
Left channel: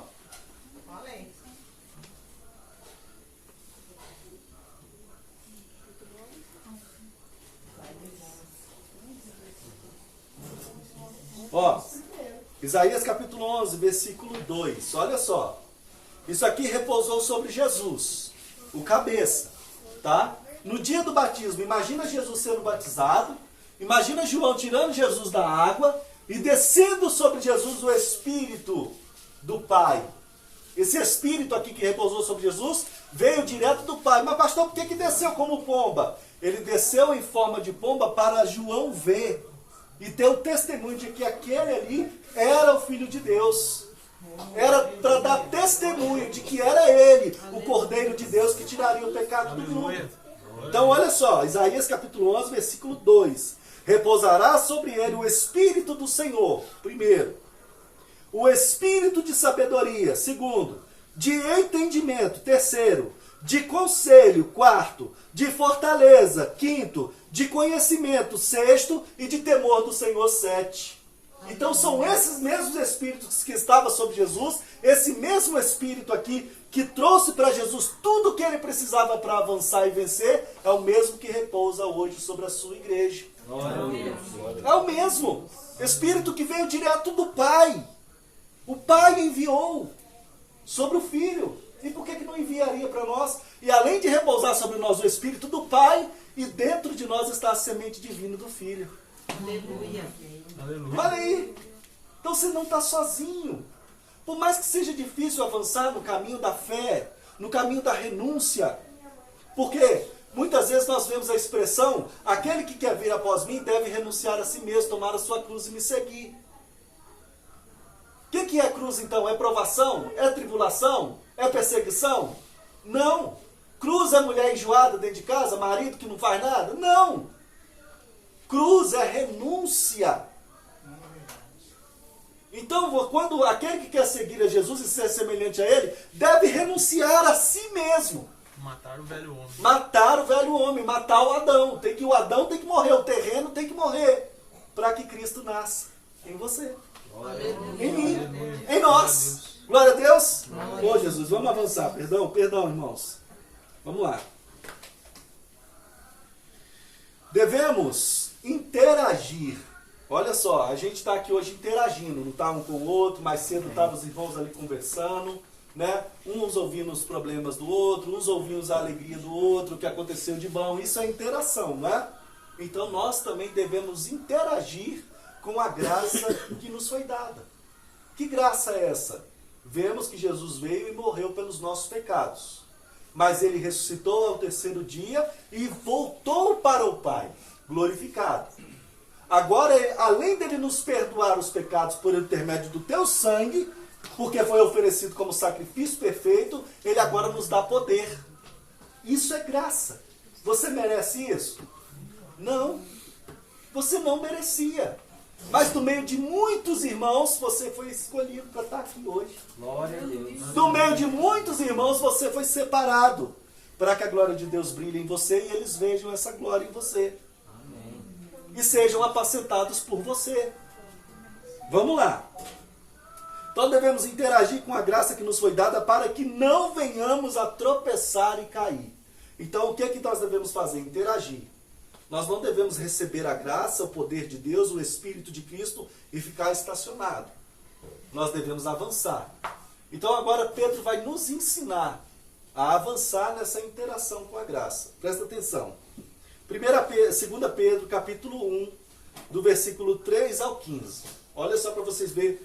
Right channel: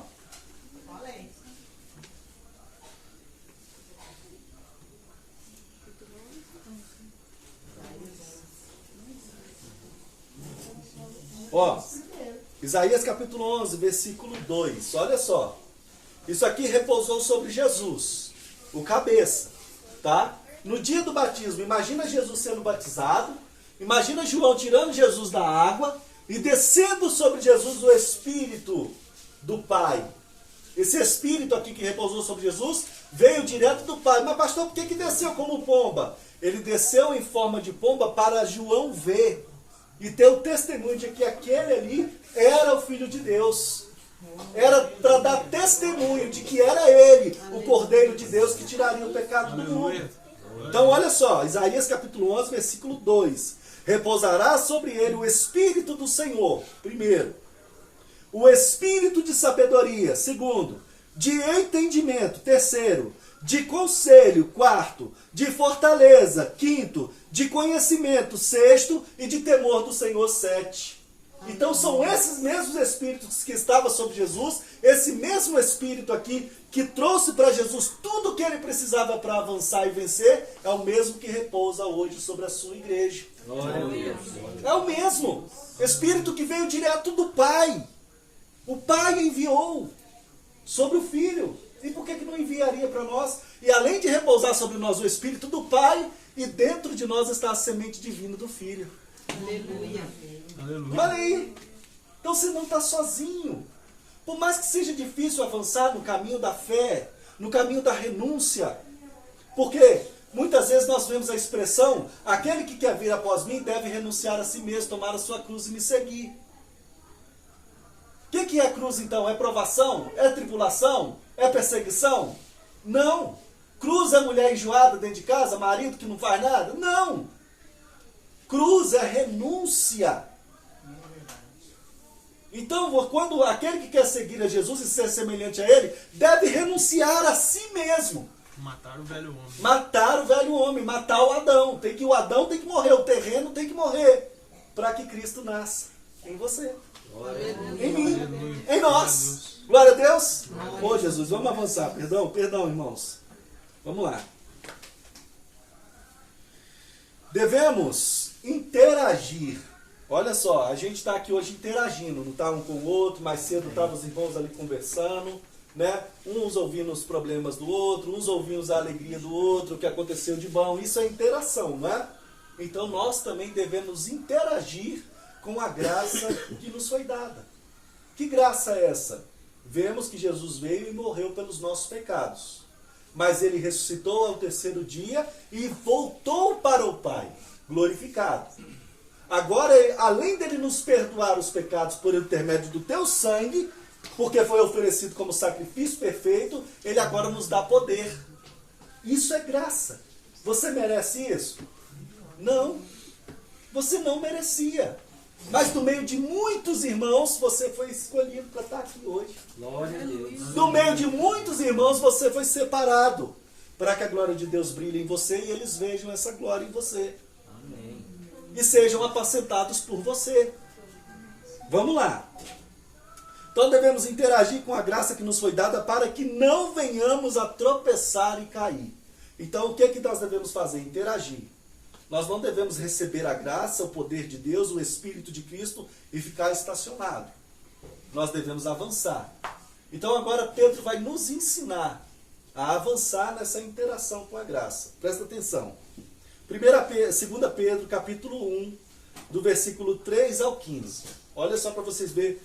Ó, Isaías capítulo 11, versículo 2, olha só. Isso aqui repousou sobre Jesus, o cabeça, tá? No dia do batismo, imagina Jesus sendo batizado, imagina João tirando Jesus da água e descendo sobre Jesus o Espírito do Pai. Esse Espírito aqui que repousou sobre Jesus veio direto do Pai. Mas pastor, por que desceu como pomba? Ele desceu em forma de pomba para João ver e ter o testemunho de que aquele ali era o Filho de Deus. Era para dar testemunho de que era ele, o Cordeiro de Deus que tiraria o pecado do mundo. Então olha só, Isaías capítulo 11, versículo 2. Repousará sobre ele o Espírito do Senhor, primeiro. O Espírito de sabedoria, segundo. De entendimento, terceiro. De conselho, quarto. De fortaleza, quinto. De conhecimento, sexto. E de temor do Senhor, sete. Então são esses mesmos Espíritos que estavam sobre Jesus, esse mesmo Espírito aqui que trouxe para Jesus tudo o que ele precisava para avançar e vencer, é o mesmo que repousa hoje sobre a sua igreja. Glória a Deus. É o mesmo Espírito que veio direto do Pai. O Pai enviou sobre o Filho. E por que não enviaria para nós? E além de repousar sobre nós o Espírito do Pai, e dentro de nós está a semente divina do Filho. Aleluia. Aleluia. Olha aí. Então você não está sozinho. Por mais que seja difícil avançar no caminho da fé, no caminho da renúncia. Porque muitas vezes nós vemos a expressão: aquele que quer vir após mim deve renunciar a si mesmo, tomar a sua cruz e me seguir. O que é cruz então? É provação? É tribulação? É perseguição? Não. Cruz é mulher enjoada dentro de casa, marido que não faz nada? Não. Cruz é renúncia. Então, quando aquele que quer seguir a Jesus e ser semelhante a Ele, deve renunciar a si mesmo. Matar o velho homem. Matar o velho homem, matar o Adão. O Adão tem que morrer, o terreno tem que morrer, para que Cristo nasça em você. Em mim, em nós. Glória a Deus. Ô Jesus, vamos avançar. Perdão, irmãos. Vamos lá. Devemos interagir. Olha só, a gente está aqui hoje interagindo, não está um com o outro. Mais cedo estavam os irmãos ali conversando, né? Uns ouvindo os problemas do outro, uns ouvindo a alegria do outro, o que aconteceu de bom. Isso é interação, né? Então nós também devemos interagir com a graça que nos foi dada. Que graça é essa? Vemos que Jesus veio e morreu pelos nossos pecados. Mas ele ressuscitou ao terceiro dia e voltou para o Pai, glorificado. Agora, além dele nos perdoar os pecados por intermédio do teu sangue, porque foi oferecido como sacrifício perfeito, ele agora nos dá poder. Isso é graça. Você merece isso? Não. Você não merecia. Mas no meio de muitos irmãos, você foi escolhido para estar aqui hoje. Glória a Deus. No meio de muitos irmãos, você foi separado para que a glória de Deus brilhe em você e eles vejam essa glória em você. Amém. E sejam apacentados por você. Vamos lá. Então devemos interagir com a graça que nos foi dada para que não venhamos a tropeçar e cair. Então o que é que nós devemos fazer? Interagir. Nós não devemos receber a graça, o poder de Deus, o Espírito de Cristo e ficar estacionado. Nós devemos avançar. Então agora Pedro vai nos ensinar a avançar nessa interação com a graça. Presta atenção. 2 Pedro, capítulo 1, do versículo 3 ao 15. Olha só para vocês verem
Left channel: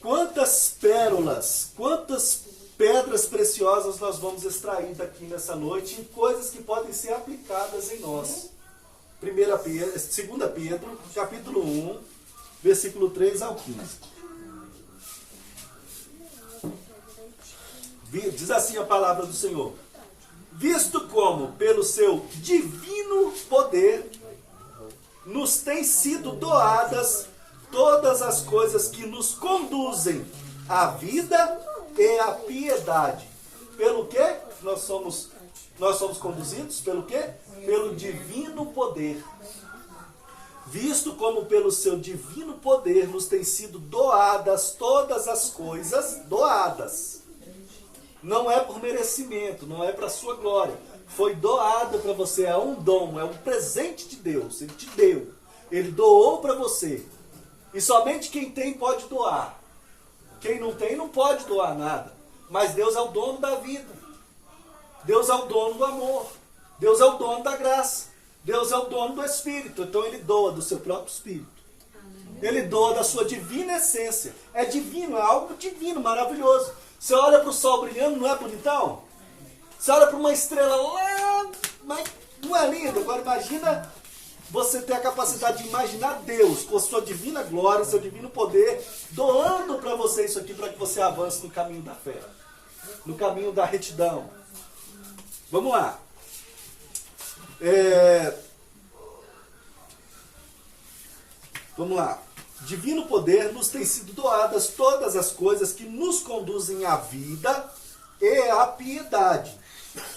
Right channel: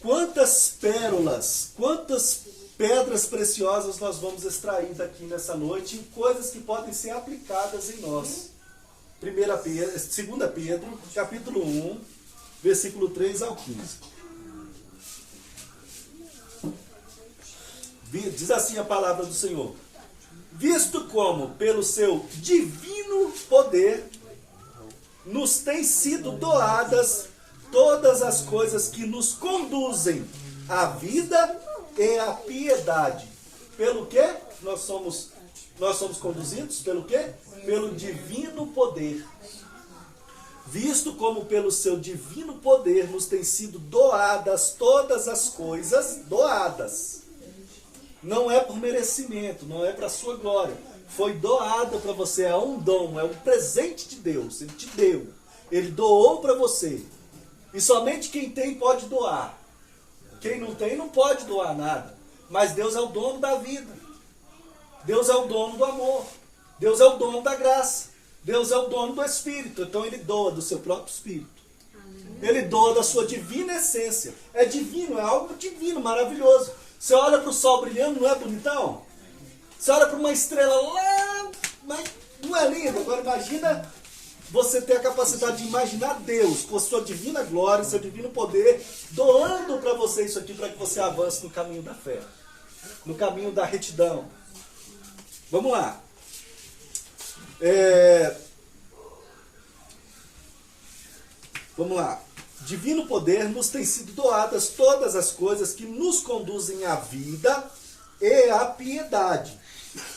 quantas pérolas, quantas pedras preciosas nós vamos extrair daqui nessa noite e coisas que podem ser aplicadas em nós. 2 Pedro, capítulo 1, versículo 3 ao 15. Diz assim a palavra do Senhor. Visto como, pelo seu divino poder, nos têm sido doadas todas as coisas que nos conduzem à vida e à piedade. Pelo quê? Nós somos conduzidos? Pelo quê? Pelo divino poder. Visto como pelo seu divino poder nos têm sido doadas todas as coisas, doadas. Não é por merecimento, não é para a sua glória. Foi doado para você, é um dom, é um presente de Deus. Ele te deu. Ele doou para você. E somente quem tem pode doar. Quem não tem não pode doar nada. Mas Deus é o dono da vida. Deus é o dono do amor. Deus é o dono da graça. Deus é o dono do Espírito. Então Ele doa do seu próprio Espírito. Ele doa da sua divina essência. É divino, é algo divino, maravilhoso. Você olha para o sol brilhando, não é bonitão? Você olha para uma estrela lá, mas não é lindo? Agora imagina você ter a capacidade de imaginar Deus com a sua divina glória, seu divino poder, doando para você isso aqui para que você avance no caminho da fé, no caminho da retidão. Vamos lá. Vamos lá. Divino poder nos tem sido doadas todas as coisas que nos conduzem à vida e à piedade.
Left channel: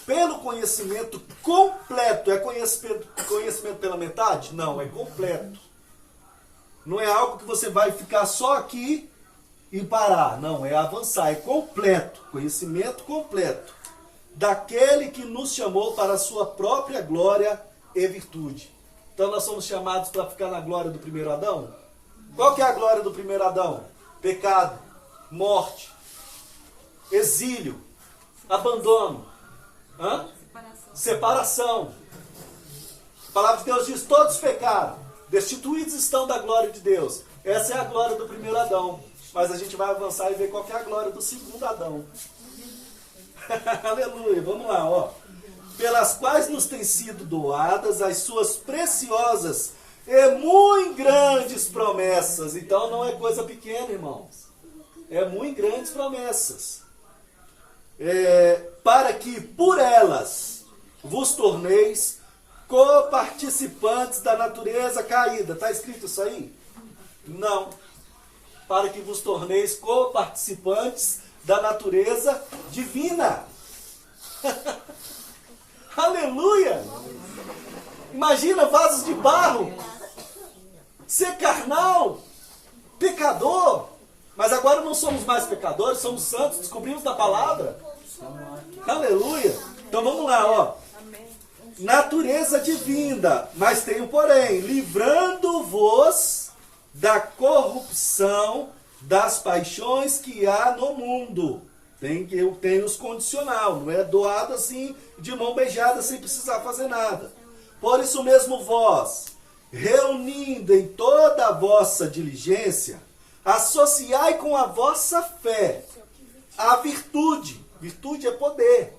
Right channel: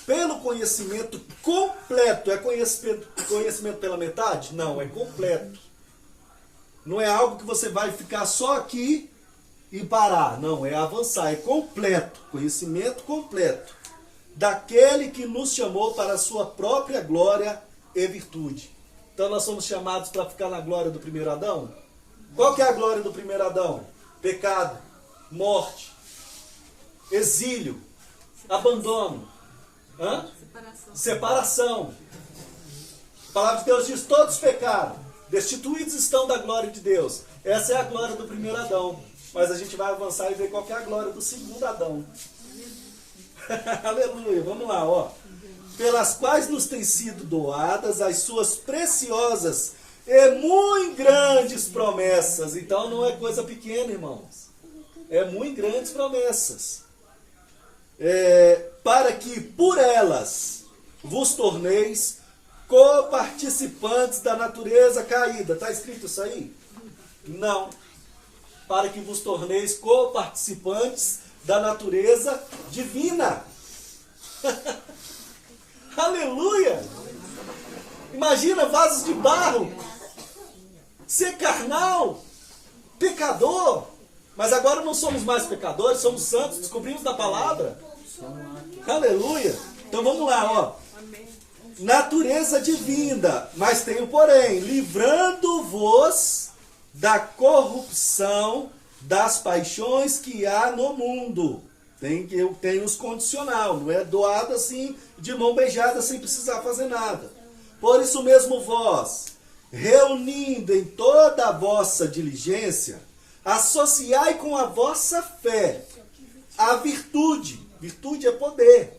Pelo conhecimento completo. É conhecimento pela metade? Não, é completo. Não é algo que você vai ficar só aqui e parar. Não, é avançar, é completo. Conhecimento completo. Daquele que nos chamou para a sua própria glória e virtude. Então nós somos chamados para ficar na glória do primeiro Adão? Qual que é a glória do primeiro Adão? Pecado, morte, exílio, abandono, separação. A palavra de Deus diz, todos pecaram, destituídos estão da glória de Deus. Essa é a glória do primeiro Adão. Mas a gente vai avançar e ver qual que é a glória do segundo Adão. Aleluia, vamos lá, ó. Pelas quais nos têm sido doadas as suas preciosas e muito grandes promessas. Então não é coisa pequena, irmãos. É muito grandes promessas. Para que por elas vos torneis coparticipantes da natureza caída. Está escrito isso aí? Não. Para que vos torneis coparticipantes da natureza divina. Aleluia! Imagina vasos de barro, ser carnal, pecador. Mas agora não somos mais pecadores, somos santos, descobrimos da palavra. Aleluia! Então vamos lá, ó. Natureza divina, mas tem um porém, livrando-vos da corrupção das paixões que há no mundo. Eu tenho os condicional, não é doado assim, de mão beijada, sem precisar fazer nada. Por isso mesmo vós, reunindo em toda a vossa diligência, associai com a vossa fé a virtude. Virtude é poder.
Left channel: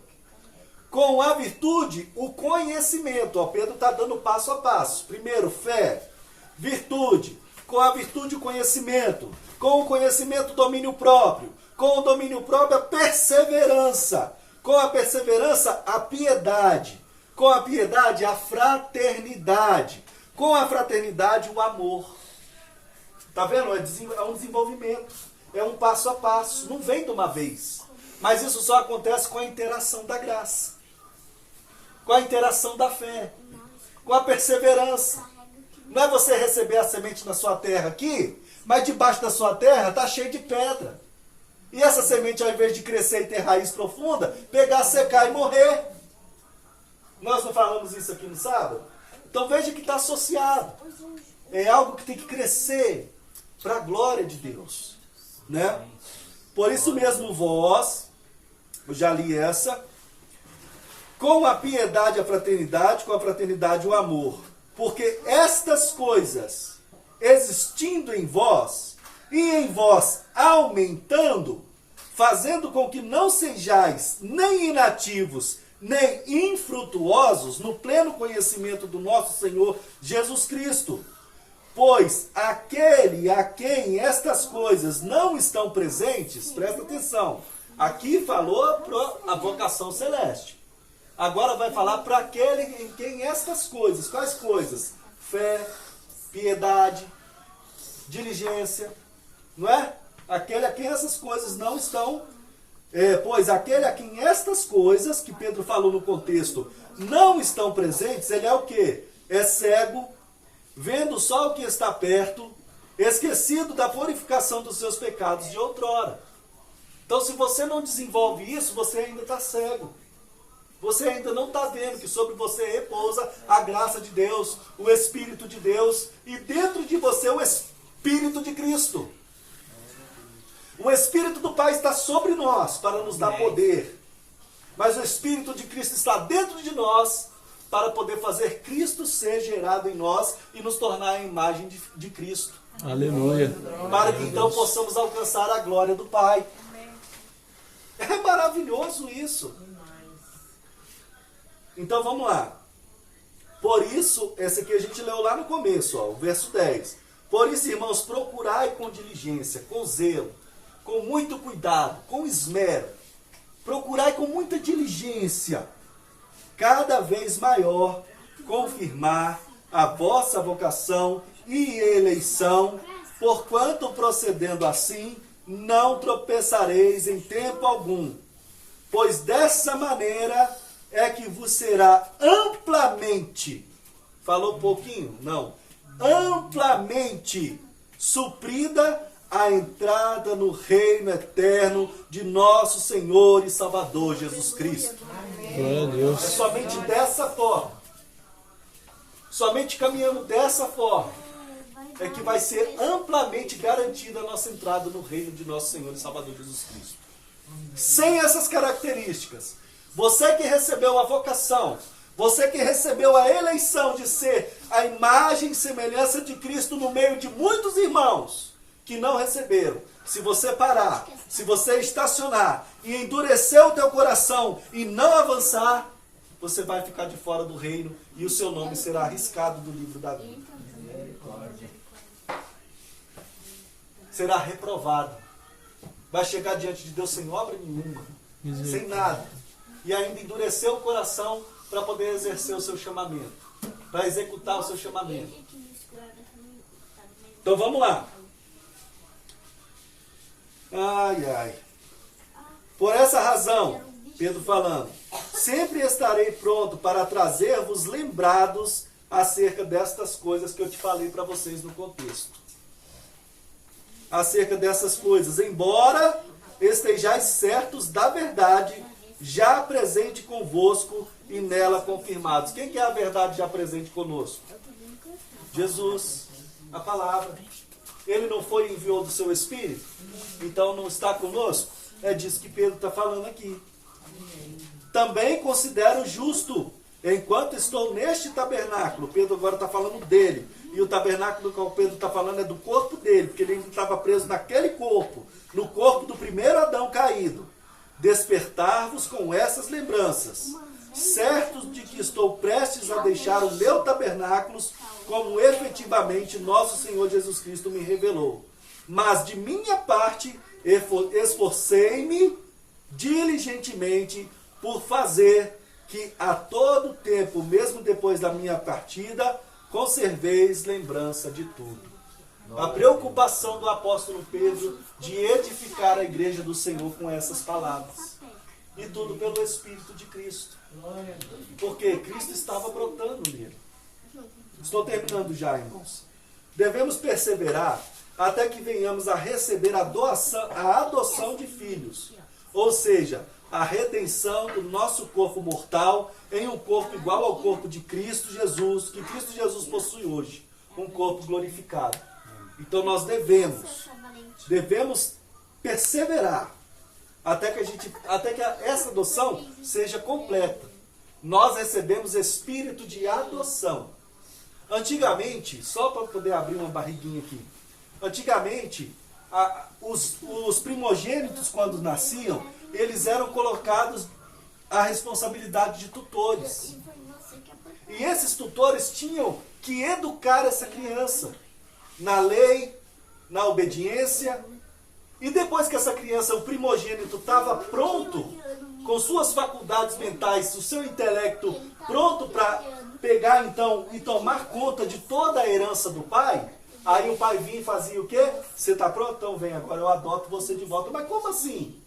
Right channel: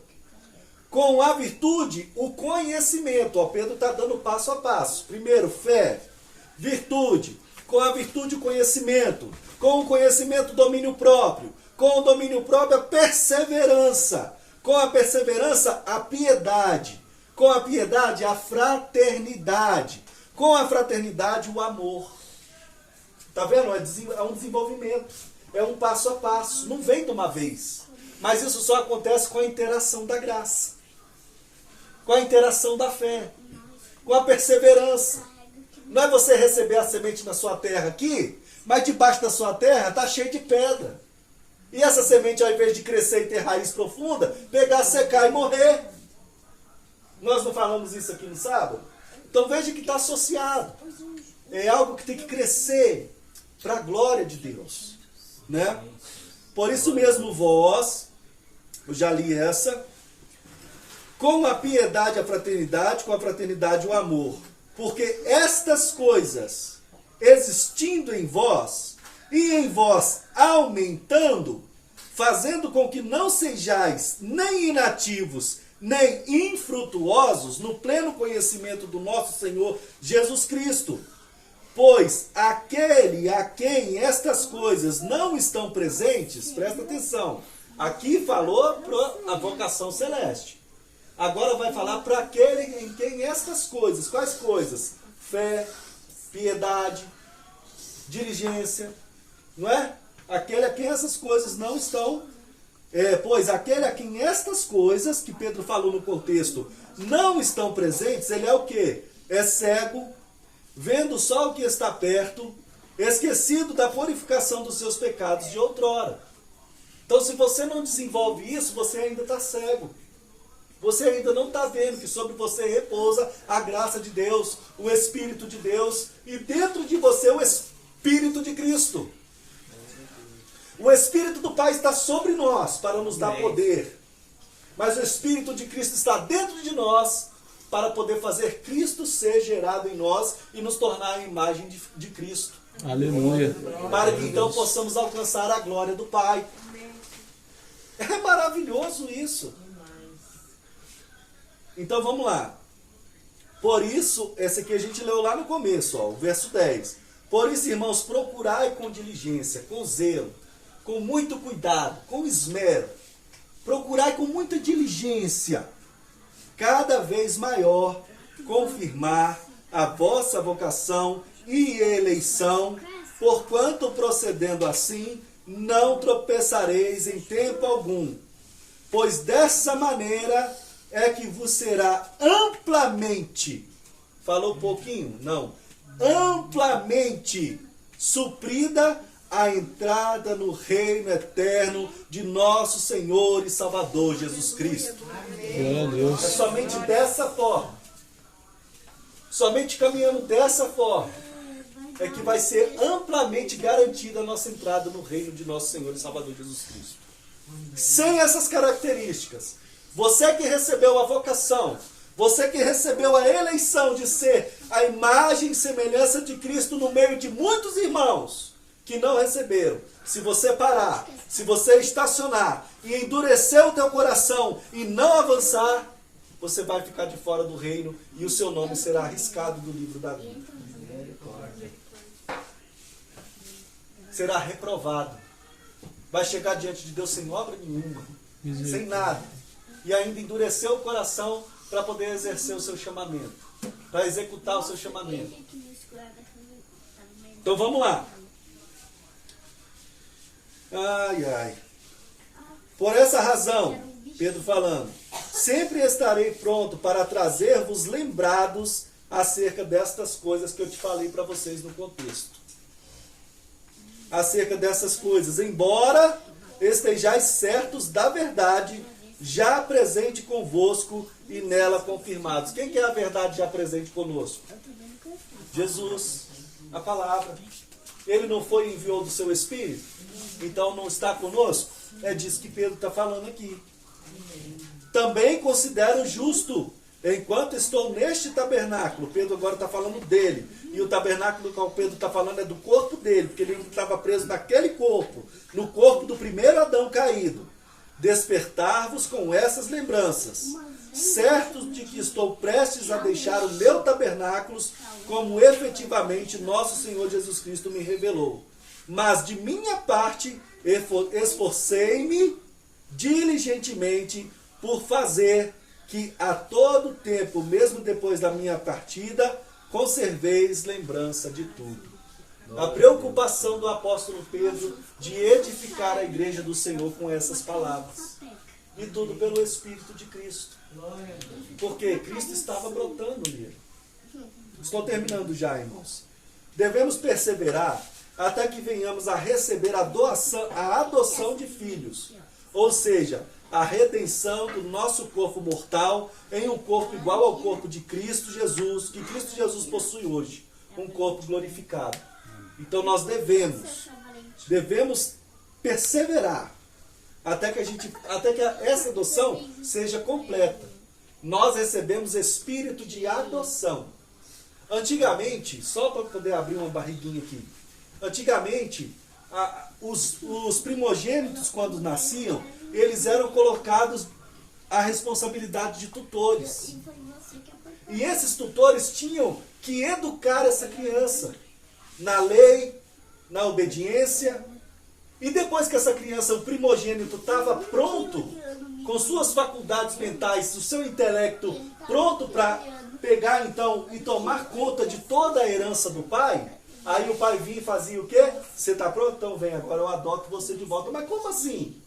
Com a virtude, o conhecimento. Ó, Pedro está dando passo a passo. Primeiro, fé, virtude. Com a virtude, o conhecimento. Com o conhecimento, o domínio próprio. Com o domínio próprio, a perseverança. Com a perseverança, a piedade. Com a piedade, a fraternidade. Com a fraternidade, o amor. Está vendo? É um desenvolvimento. É um passo a passo. Não vem de uma vez. Mas isso só acontece com a interação da graça. Com a interação da fé. Com a perseverança. Não é você receber a semente na sua terra aqui, mas debaixo da sua terra está cheio de pedra. E essa semente, ao invés de crescer e ter raiz profunda, pegar, secar e morrer. Nós não falamos isso aqui no sábado? Então veja que está associado. É algo que tem que crescer para a glória de Deus. Né? Por isso mesmo vós, eu já li essa, com a piedade a fraternidade, com a fraternidade o amor. Porque estas coisas, existindo em vós, e em vós aumentando, fazendo com que não sejais nem inativos, nem infrutuosos no pleno conhecimento do nosso Senhor Jesus Cristo. Pois aquele a quem estas coisas não estão presentes, presta atenção, aqui falou para a vocação celeste. Agora vai falar para aquele em quem estas coisas, quais coisas? Fé, piedade, diligência, não é? Aquele a quem essas coisas não estão, pois aquele a quem estas coisas, que Pedro falou no contexto, não estão presentes, ele é o quê? É cego, vendo só o que está perto, esquecido da purificação dos seus pecados de outrora. Então se você não desenvolve isso, você ainda está cego. Você ainda não está vendo que sobre você repousa a graça de Deus, o Espírito de Deus, e dentro de você o Espírito de Cristo. O Espírito do Pai está sobre nós para nos dar poder. Mas o Espírito de Cristo está dentro de nós para poder fazer Cristo ser gerado em nós e nos tornar a imagem de Cristo. Aleluia. Para que então possamos alcançar a glória do Pai. É maravilhoso isso. Então vamos lá. Por isso, esse aqui a gente leu lá no começo, ó, o verso 10. Por isso, irmãos, procurai com diligência, com zelo, com muito cuidado, com esmero. Procurai com muita diligência, cada vez maior, confirmar a vossa vocação e eleição, porquanto procedendo assim, não tropeçareis em tempo algum. Pois dessa maneira é que vos será amplamente, falou um pouquinho? Não. Amplamente suprida a entrada no reino eterno de nosso Senhor e Salvador Jesus Cristo. Glória a Deus. É somente dessa forma, somente caminhando dessa forma, é que vai ser amplamente garantida a nossa entrada no reino de nosso Senhor e Salvador Jesus Cristo. Sem essas características, você que recebeu a vocação, você que recebeu a eleição de ser a imagem e semelhança de Cristo no meio de muitos irmãos que não receberam, se você parar, se você estacionar e endurecer o teu coração e não avançar, você vai ficar de fora do reino e o seu nome será arriscado do livro da vida. Será reprovado. Vai chegar diante de Deus sem obra nenhuma, sem nada. E ainda endureceu o coração para poder exercer o seu chamamento, para executar o seu chamamento. Então vamos lá. Ai, ai. Por essa razão, Pedro falando, sempre estarei pronto para trazer-vos lembrados acerca destas coisas que eu te falei para vocês no contexto. Acerca dessas coisas, embora estejais certos da verdade, já presente convosco e nela confirmados. Quem que é a verdade já presente conosco? Jesus, a palavra. Ele não foi e enviou do seu Espírito? Então não está conosco? É disso que Pedro está falando aqui. Também considero justo, enquanto estou neste tabernáculo, Pedro agora está falando dele, e o tabernáculo que o Pedro está falando é do corpo dele, porque ele estava preso naquele corpo, no corpo do primeiro Adão caído. Despertar-vos com essas lembranças, certos de que estou prestes a deixar o meu tabernáculo, como efetivamente nosso Senhor Jesus Cristo me revelou. Mas de minha parte, esforcei-me diligentemente por fazer que a todo tempo, mesmo depois da minha partida, conserveis lembrança de tudo. A preocupação do apóstolo Pedro de edificar a igreja do Senhor com essas palavras. E tudo pelo Espírito de Cristo. Porque Cristo estava brotando nele. Estou terminando já, irmãos. Devemos perseverar até que venhamos a receber a adoção de filhos. Ou seja, a redenção do nosso corpo mortal em um corpo igual ao corpo de Cristo Jesus, que Cristo Jesus possui hoje, um corpo glorificado. Então nós devemos perseverar até que essa adoção seja completa. Nós recebemos espírito de adoção. Antigamente, só para poder abrir uma barriguinha aqui, antigamente os primogênitos, quando nasciam, eles eram colocados à responsabilidade de tutores. E esses tutores tinham que educar essa criança na lei, na obediência. E depois que essa criança, o primogênito, estava pronto, com suas faculdades mentais, o seu intelecto pronto para pegar então e tomar conta de toda a herança do pai, aí o pai vinha e fazia o quê? Você está pronto? Então vem, agora eu adoto você de volta. Mas como assim?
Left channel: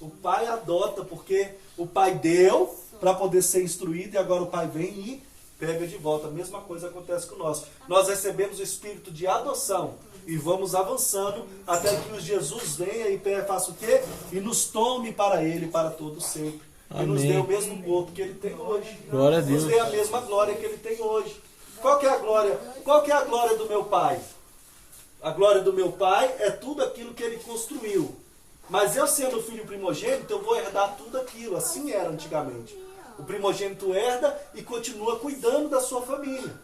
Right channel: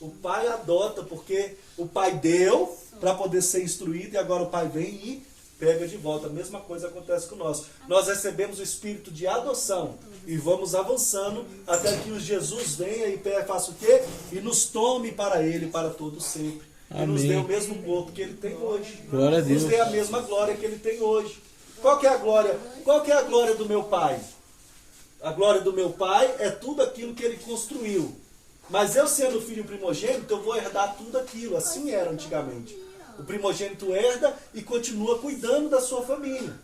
O pai adota porque o pai deu para poder ser instruído e agora o pai vem e pega de volta. A mesma coisa acontece com nós. Nós recebemos o espírito de adoção e vamos avançando até que o Jesus venha e faça o quê? E nos tome para ele para todo sempre. E nos dê o mesmo corpo que ele tem hoje. Glória a Deus. Nos dê a mesma glória que ele tem hoje. Qual que é a glória? Qual que é a glória do meu pai? A glória do meu pai é tudo aquilo que ele construiu. Mas eu sendo filho primogênito, eu vou herdar tudo aquilo. Assim era antigamente. O primogênito herda e continua cuidando da sua família.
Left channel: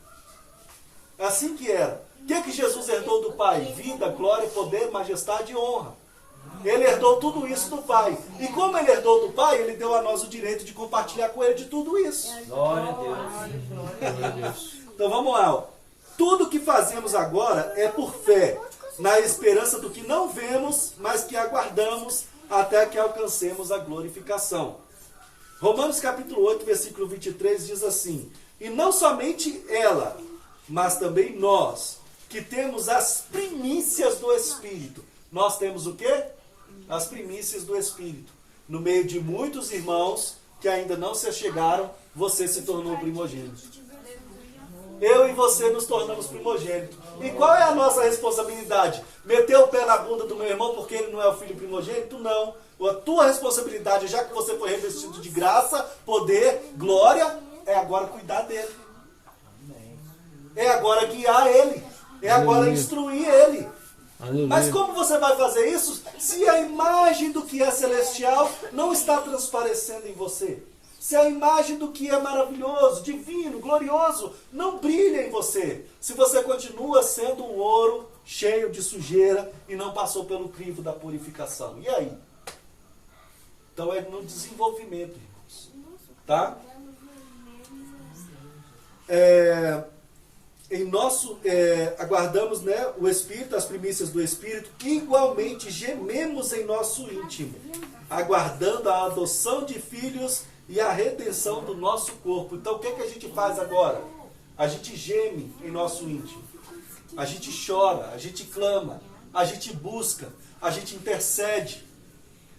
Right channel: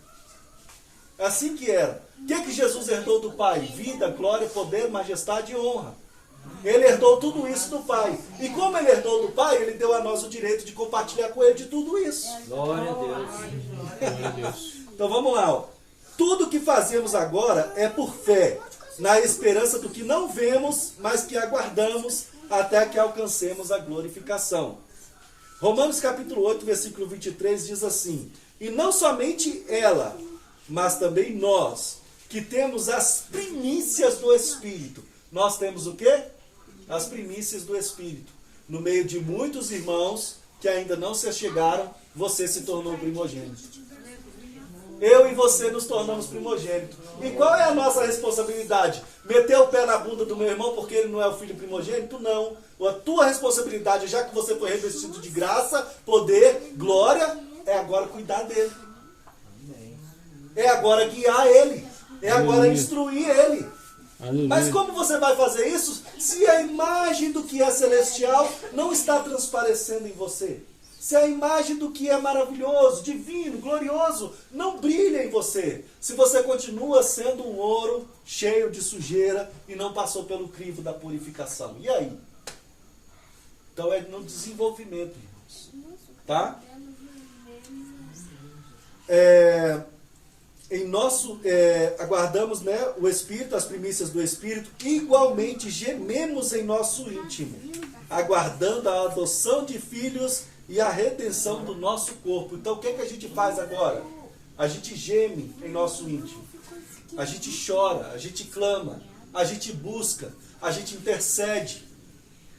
É assim que era. O que Jesus herdou do Pai? Vida, glória, poder, majestade e honra. Ele herdou tudo isso do Pai. E como ele herdou do Pai, ele deu a nós o direito de compartilhar com ele de tudo isso. Glória a Deus. Glória a Deus. Então vamos lá. Ó. Tudo que fazemos agora é por fé, na esperança do que não vemos, mas que aguardamos até que alcancemos a glorificação. Romanos capítulo 8, versículo 23 diz assim: e não somente ela, mas também nós, que temos as primícias do Espírito. Nós temos o quê? As primícias do Espírito. No meio de muitos irmãos que ainda não se achegaram, você se tornou primogênito. Eu e você nos tornamos primogênito. E qual é a nossa responsabilidade? Meter o pé na bunda do meu irmão porque ele não é o filho primogênito? Não. A tua responsabilidade, já que você foi revestido de graça, poder, glória, é agora cuidar dele. É agora guiar ele. É agora instruir ele. Aleluia. Mas como você vai fazer isso se a imagem do que é celestial não está transparecendo em você? Se a imagem do que é maravilhoso, divino, glorioso, não brilha em você. Se você continua sendo um ouro cheio de sujeira e não passou pelo crivo da purificação. E aí? Então é no desenvolvimento, irmãos. Tá? Aguardamos, né, o Espírito, as primícias do Espírito, igualmente gememos em nosso íntimo, aguardando a adoção de filhos, e a redenção do nosso corpo. Então o que a gente faz agora? A gente geme em nosso íntimo. A gente chora, a gente clama, a gente busca, a gente intercede.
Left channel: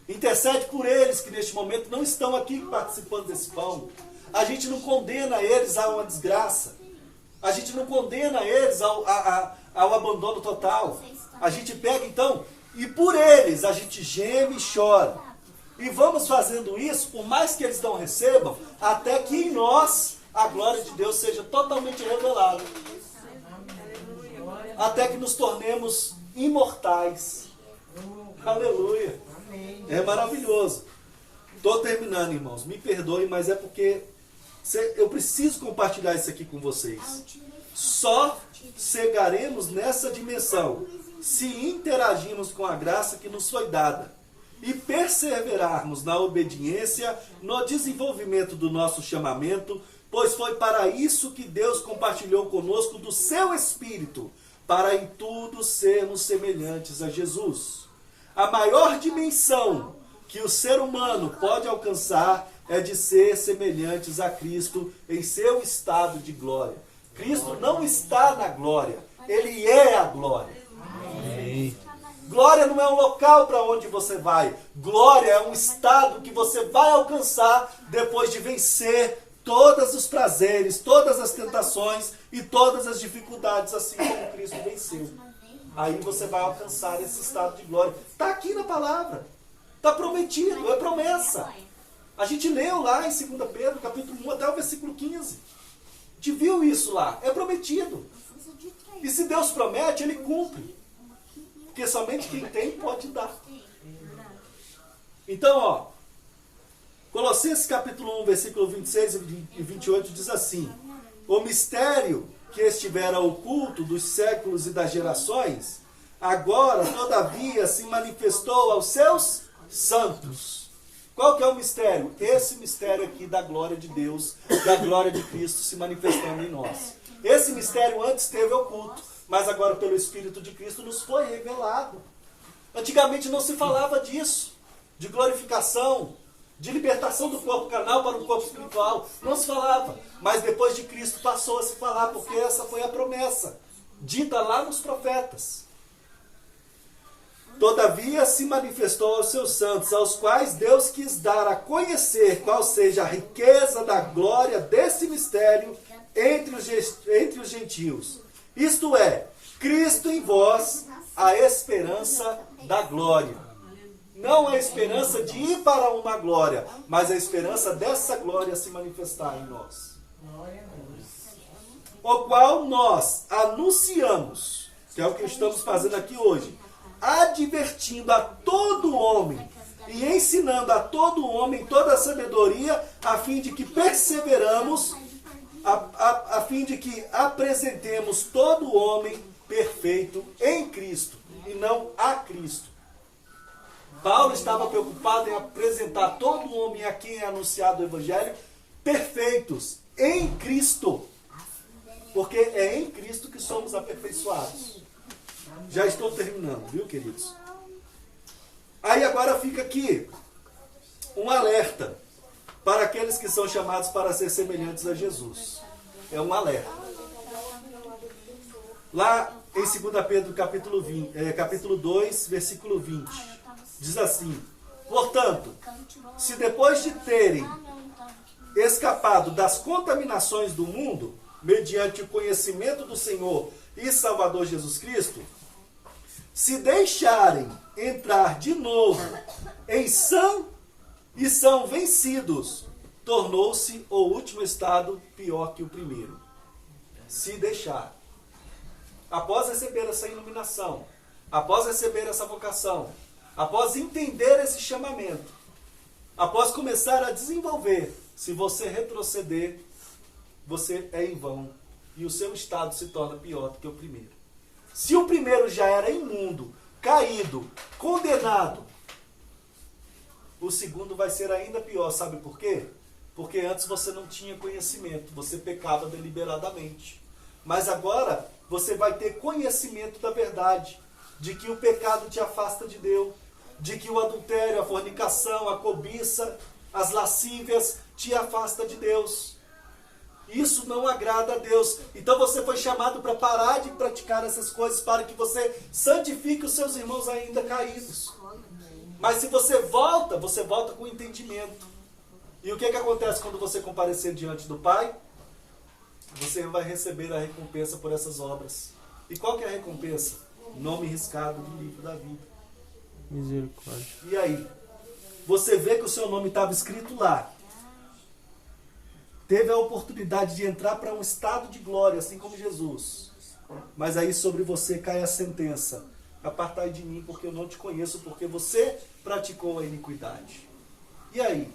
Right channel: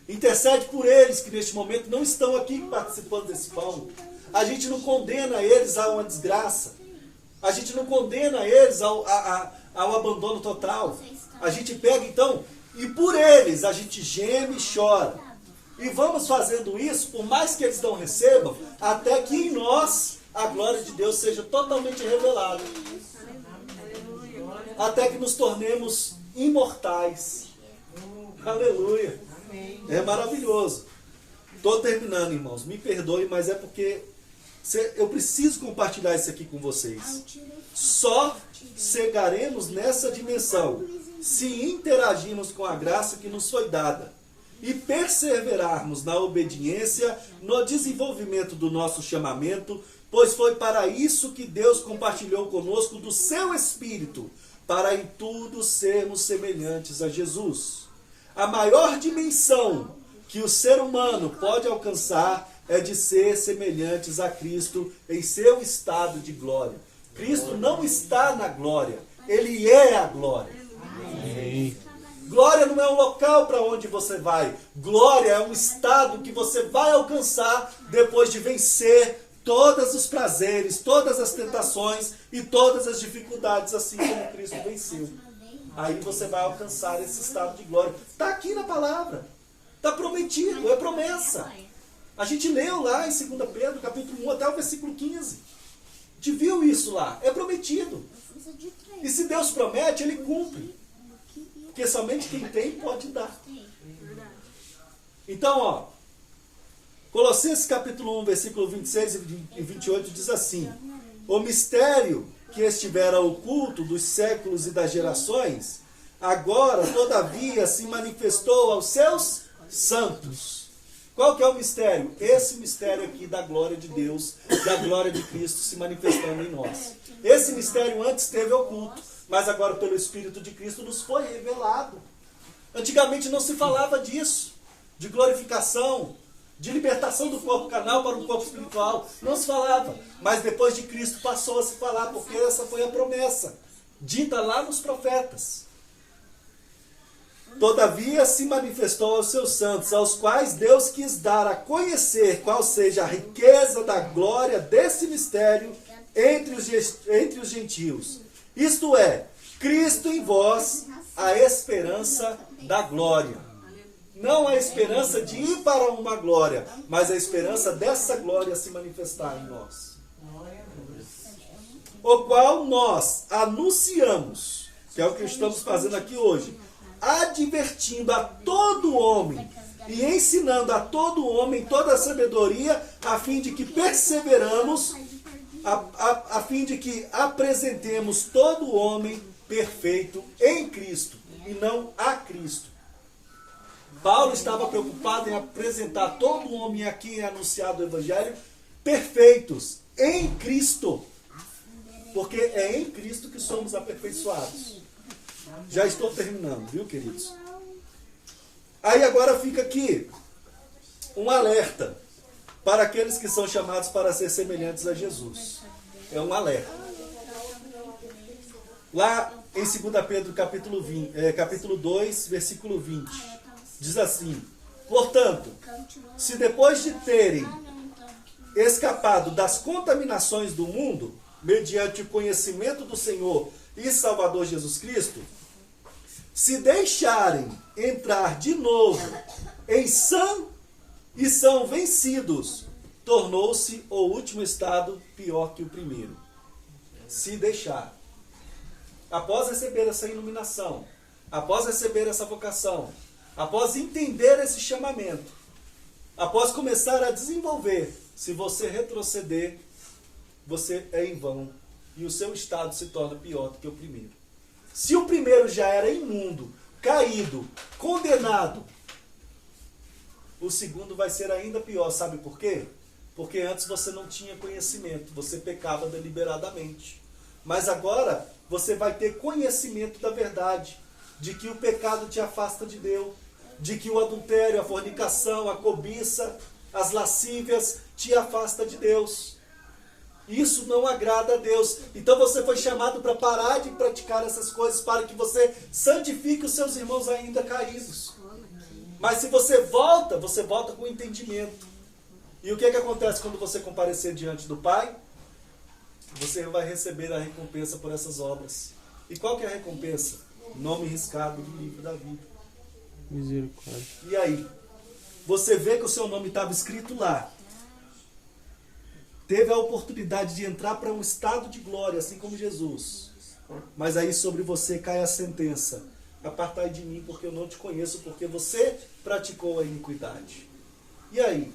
Intercede por eles que neste momento não estão aqui participando desse pão. A gente não condena eles a uma desgraça. A gente não condena eles ao abandono total. A gente pega então, e por eles a gente geme e chora. E vamos fazendo isso, por mais que eles não recebam, até que em nós a glória de Deus seja totalmente revelada. Até que nos tornemos imortais. Aleluia. É maravilhoso. Estou terminando, irmãos. Me perdoe, mas é porque eu preciso compartilhar isso aqui com vocês. Só chegaremos nessa dimensão se interagirmos com a graça que nos foi dada e perseverarmos na obediência, no desenvolvimento do nosso chamamento, pois foi para isso que Deus compartilhou conosco do seu Espírito, para em tudo sermos semelhantes a Jesus. A maior dimensão que o ser humano pode alcançar é de ser semelhantes a Cristo em seu estado de glória. Cristo não está na glória, Ele é a glória. Amém. Glória não é um local para onde você vai. Glória é um estado que você vai alcançar depois de vencer todos os prazeres, todas as tentações e todas as dificuldades, assim como Cristo venceu. Aí você vai alcançar esse estado de glória. Está aqui na palavra. Está prometido, é promessa. A gente leu lá em 2 Pedro, capítulo 1, até o versículo 15. A gente viu isso lá. É prometido. E se Deus promete, Ele cumpre. Porque somente quem tem pode dar. Então, ó, Colossenses capítulo 1, versículo 26 e 28 diz assim: o mistério que estivera oculto dos séculos e das gerações, agora, todavia, se manifestou aos seus santos. Qual que é o mistério? Esse mistério aqui da glória de Deus, da glória de Cristo se manifestando em nós. Esse mistério antes esteve oculto, mas agora pelo Espírito de Cristo nos foi revelado. Antigamente não se falava disso, de glorificação, de libertação do corpo carnal para um corpo espiritual. Não se falava, mas depois de Cristo passou a se falar, porque essa foi a promessa, dita lá nos profetas. Todavia se manifestou aos seus santos, aos quais Deus quis dar a conhecer qual seja a riqueza da glória desse mistério entre os gentios. Isto é, Cristo em vós, a esperança da glória. Não a esperança de ir para uma glória, mas a esperança dessa glória se manifestar em nós. O qual nós anunciamos, que é o que estamos fazendo aqui hoje, advertindo a todo homem e ensinando a todo homem toda a sabedoria, a fim de que perseveramos, a fim de que apresentemos todo homem perfeito em Cristo e não a Cristo. Paulo estava preocupado em apresentar todo homem a quem é anunciado o Evangelho perfeitos em Cristo, porque é em Cristo que somos aperfeiçoados. Já estou terminando, viu, queridos? Aí agora fica aqui um alerta para aqueles que são chamados para ser semelhantes a Jesus. É um alerta. Lá em 2 Pedro capítulo 2, versículo 20, diz assim: portanto, se depois de terem escapado das contaminações do mundo, mediante o conhecimento do Senhor e Salvador Jesus Cristo, se deixarem entrar de novo em e são vencidos, tornou-se o último estado pior que o primeiro. Se deixar. Após receber essa iluminação, após receber essa vocação, após entender esse chamamento, após começar a desenvolver, se você retroceder, você é em vão e o seu estado se torna pior do que o primeiro. Se o primeiro já era imundo, caído, condenado, o segundo vai ser ainda pior. Sabe por quê? Porque antes você não tinha conhecimento, você pecava deliberadamente. Mas agora você vai ter conhecimento da verdade, de que o pecado te afasta de Deus, de que o adultério, a fornicação, a cobiça as lascívias, te afasta de Deus. Isso não agrada a Deus. Então você foi chamado para parar de praticar essas coisas, para que você santifique os seus irmãos ainda caídos. Mas se você volta com entendimento. E o que acontece quando você comparecer diante do Pai? Você vai receber a recompensa por essas obras. E qual que é a recompensa? Nome riscado do livro da vida. Misericórdia. E aí? Você vê que o seu nome estava escrito lá. Teve a oportunidade de entrar para um estado de glória, assim como Jesus. Mas aí sobre você cai a sentença: apartai de mim, porque eu não te conheço, porque você praticou a iniquidade. E aí?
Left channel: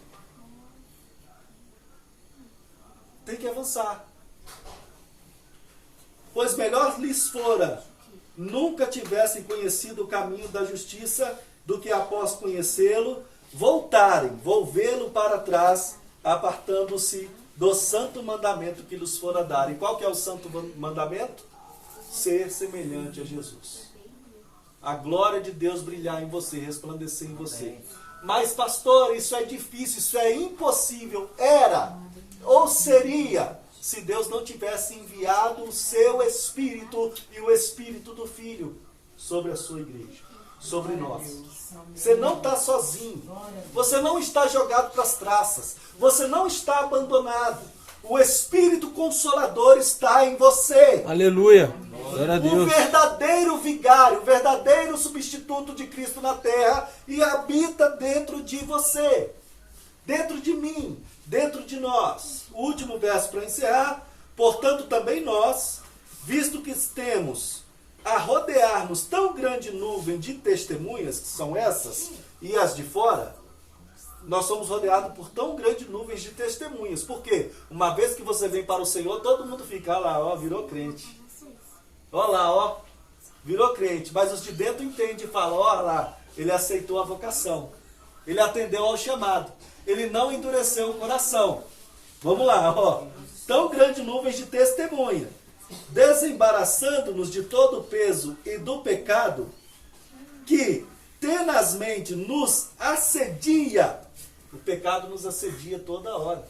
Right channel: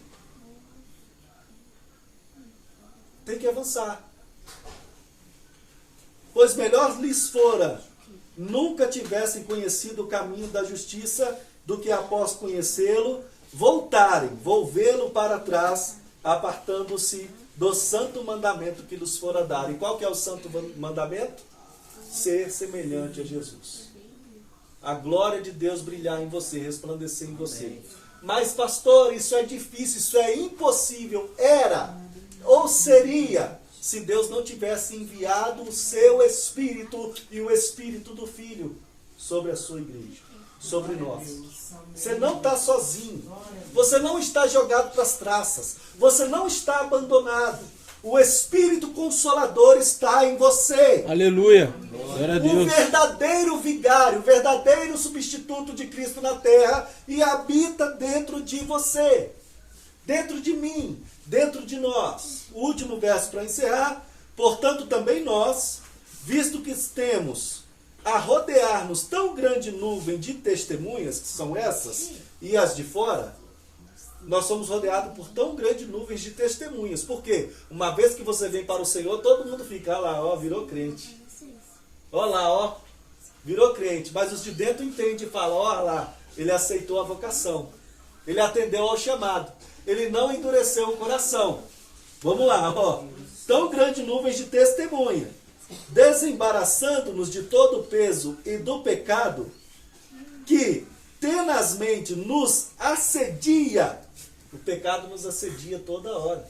Tem que avançar. Pois melhor lhes fora nunca tivessem conhecido o caminho da justiça, do que após conhecê-lo, volvê-lo para trás, apartando-se do santo mandamento que lhes fora dado. E qual que é o santo mandamento? Ser semelhante a Jesus. A glória de Deus brilhar em você, resplandecer em você. Mas pastor, isso é difícil, isso é impossível. Era, ou seria, se Deus não tivesse enviado o seu Espírito e o Espírito do Filho sobre a sua igreja, sobre nós. Você não está sozinho. Você não está jogado para as traças. Você não está abandonado. O Espírito Consolador está em você. Aleluia. Glória a O Deus. verdadeiro vigário, o verdadeiro substituto de Cristo na terra, e habita dentro de você, dentro de mim, dentro de nós. O último verso para encerrar. Portanto, também nós, visto que temos a rodear-nos tão grande nuvem de testemunhas, que são essas, e as de fora, nós somos rodeados por tão grande nuvens de testemunhas. Por quê? Uma vez que você vem para o Senhor, todo mundo fica lá, ó, virou crente. Ó lá, ó, virou crente. Mas os de dentro entendem e falam, ó lá, ele aceitou a vocação. Ele atendeu ao chamado. Ele não endureceu o coração. Vamos lá, ó. Tão grande nuvens de testemunha, desembaraçando-nos de todo o peso e do pecado, que tenazmente nos assedia. O pecado nos assedia toda hora.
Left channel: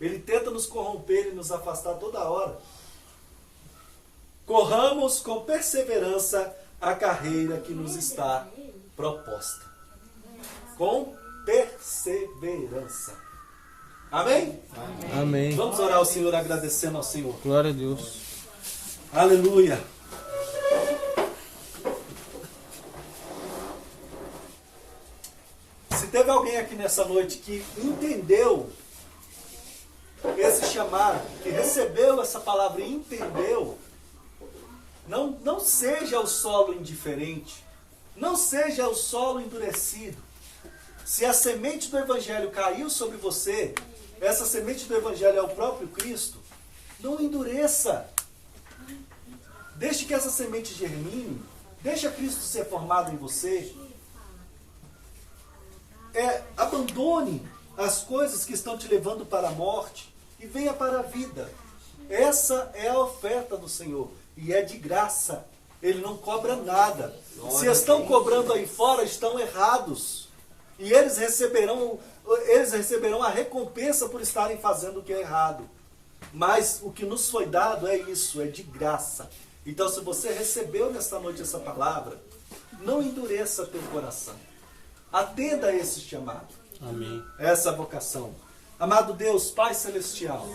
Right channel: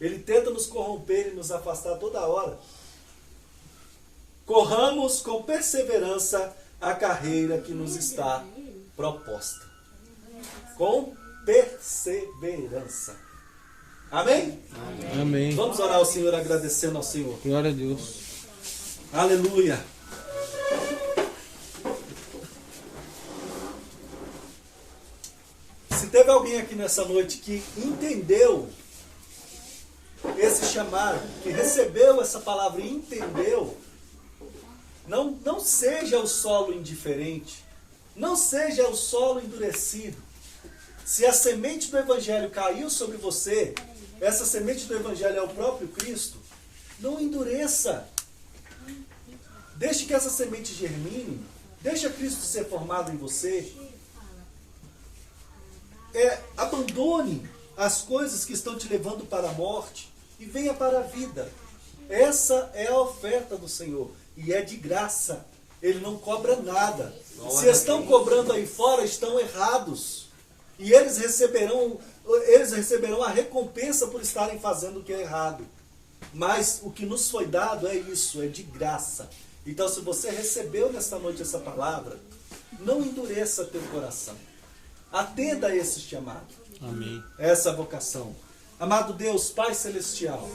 Ele tenta nos corromper e nos afastar toda hora. Corramos com perseverança a carreira que nos está proposta. Com perseverança. Amém? Amém. Vamos orar ao Senhor, agradecendo ao Senhor. Glória a Deus. Aleluia. Se teve alguém aqui nessa noite que entendeu esse chamado, que recebeu essa palavra e entendeu, não seja o solo indiferente, não seja o solo endurecido. Se a semente do Evangelho caiu sobre você, essa semente do Evangelho é o próprio Cristo, não endureça. Deixe que essa semente germine, deixa Cristo ser formado em você. Abandone as coisas que estão te levando para a morte e venha para a vida. Essa é a oferta do Senhor e é de graça. Ele não cobra nada. Se estão cobrando aí fora, estão errados. E eles receberão a recompensa por estarem fazendo o que é errado. Mas o que nos foi dado é isso, é de graça. Então, se você recebeu nesta noite essa palavra, não endureça teu coração. Atenda a esse chamado. Amém. Essa vocação. Amado Deus, Pai Celestial,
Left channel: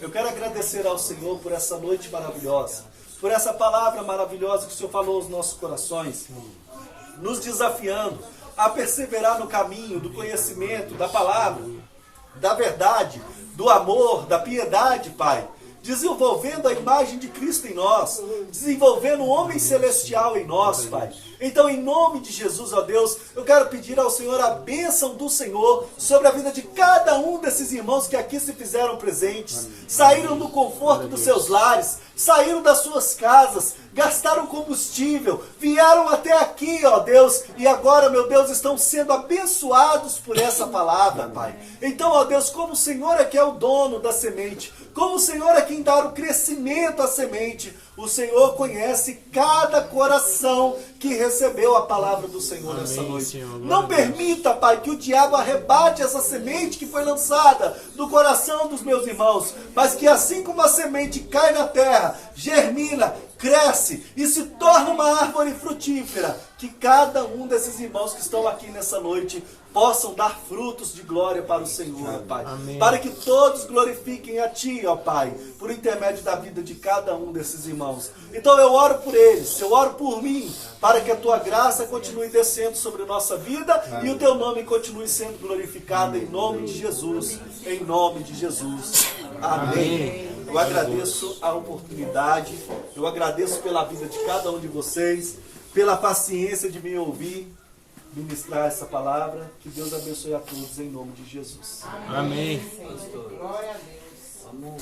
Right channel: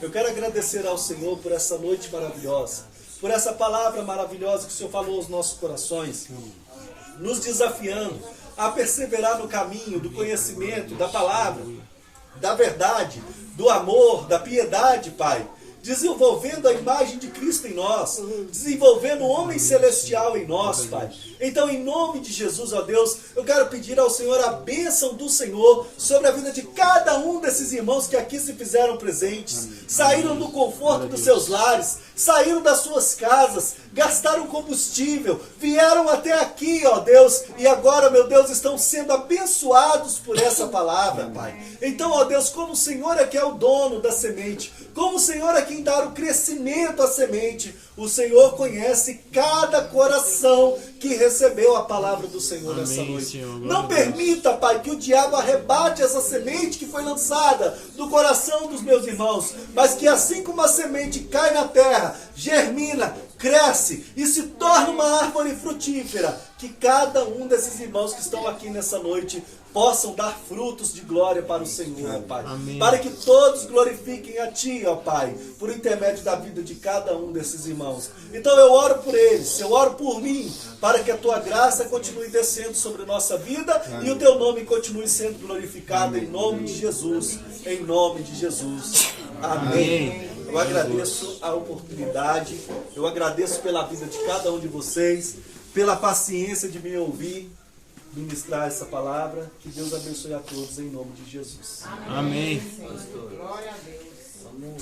eu quero agradecer ao Senhor por essa noite maravilhosa, por essa palavra maravilhosa que o Senhor falou aos nossos corações, nos desafiando a perseverar no caminho do conhecimento, da palavra, da verdade, do amor, da piedade, Pai. Desenvolvendo a imagem de Cristo em nós, desenvolvendo o homem celestial em nós, Pai. Então, em nome de Jesus, ó Deus, eu quero pedir ao Senhor a bênção do Senhor sobre a vida de cada um desses irmãos que aqui se fizeram presentes, saíram do conforto dos seus lares, saíram das suas casas, gastaram combustível, vieram até aqui, ó Deus, e agora, meu Deus, estão sendo abençoados por essa palavra, Pai. Então, ó Deus, como o Senhor é que é o dono da semente, como o Senhor é quem dá o crescimento à semente, o Senhor conhece cada coração que recebeu a palavra do Senhor nessa noite. Senhor. Não permita, Pai, que o diabo arrebate essa semente que foi lançada no coração dos meus irmãos, mas que assim como a semente cai na terra, germina, cresce e se torna uma árvore frutífera, que cada um desses irmãos que estão aqui nessa noite possam dar frutos de glória para o Senhor, ó Pai. Amém. Para que todos glorifiquem a Ti, ó Pai, por intermédio da vida de cada um desses irmãos. Então eu oro por eles, eu oro por mim, para que a Tua graça continue descendo sobre a nossa vida e o Teu nome continue sendo glorificado em nome de Jesus, em nome de Jesus. Amém. Eu agradeço a oportunidade, eu agradeço pela vida de cada um de vocês, pela paciência de me ouvir ministrar essa palavra. Que Deus abençoe a todos em nome de Jesus. Amém. Glória a Deus. Vamos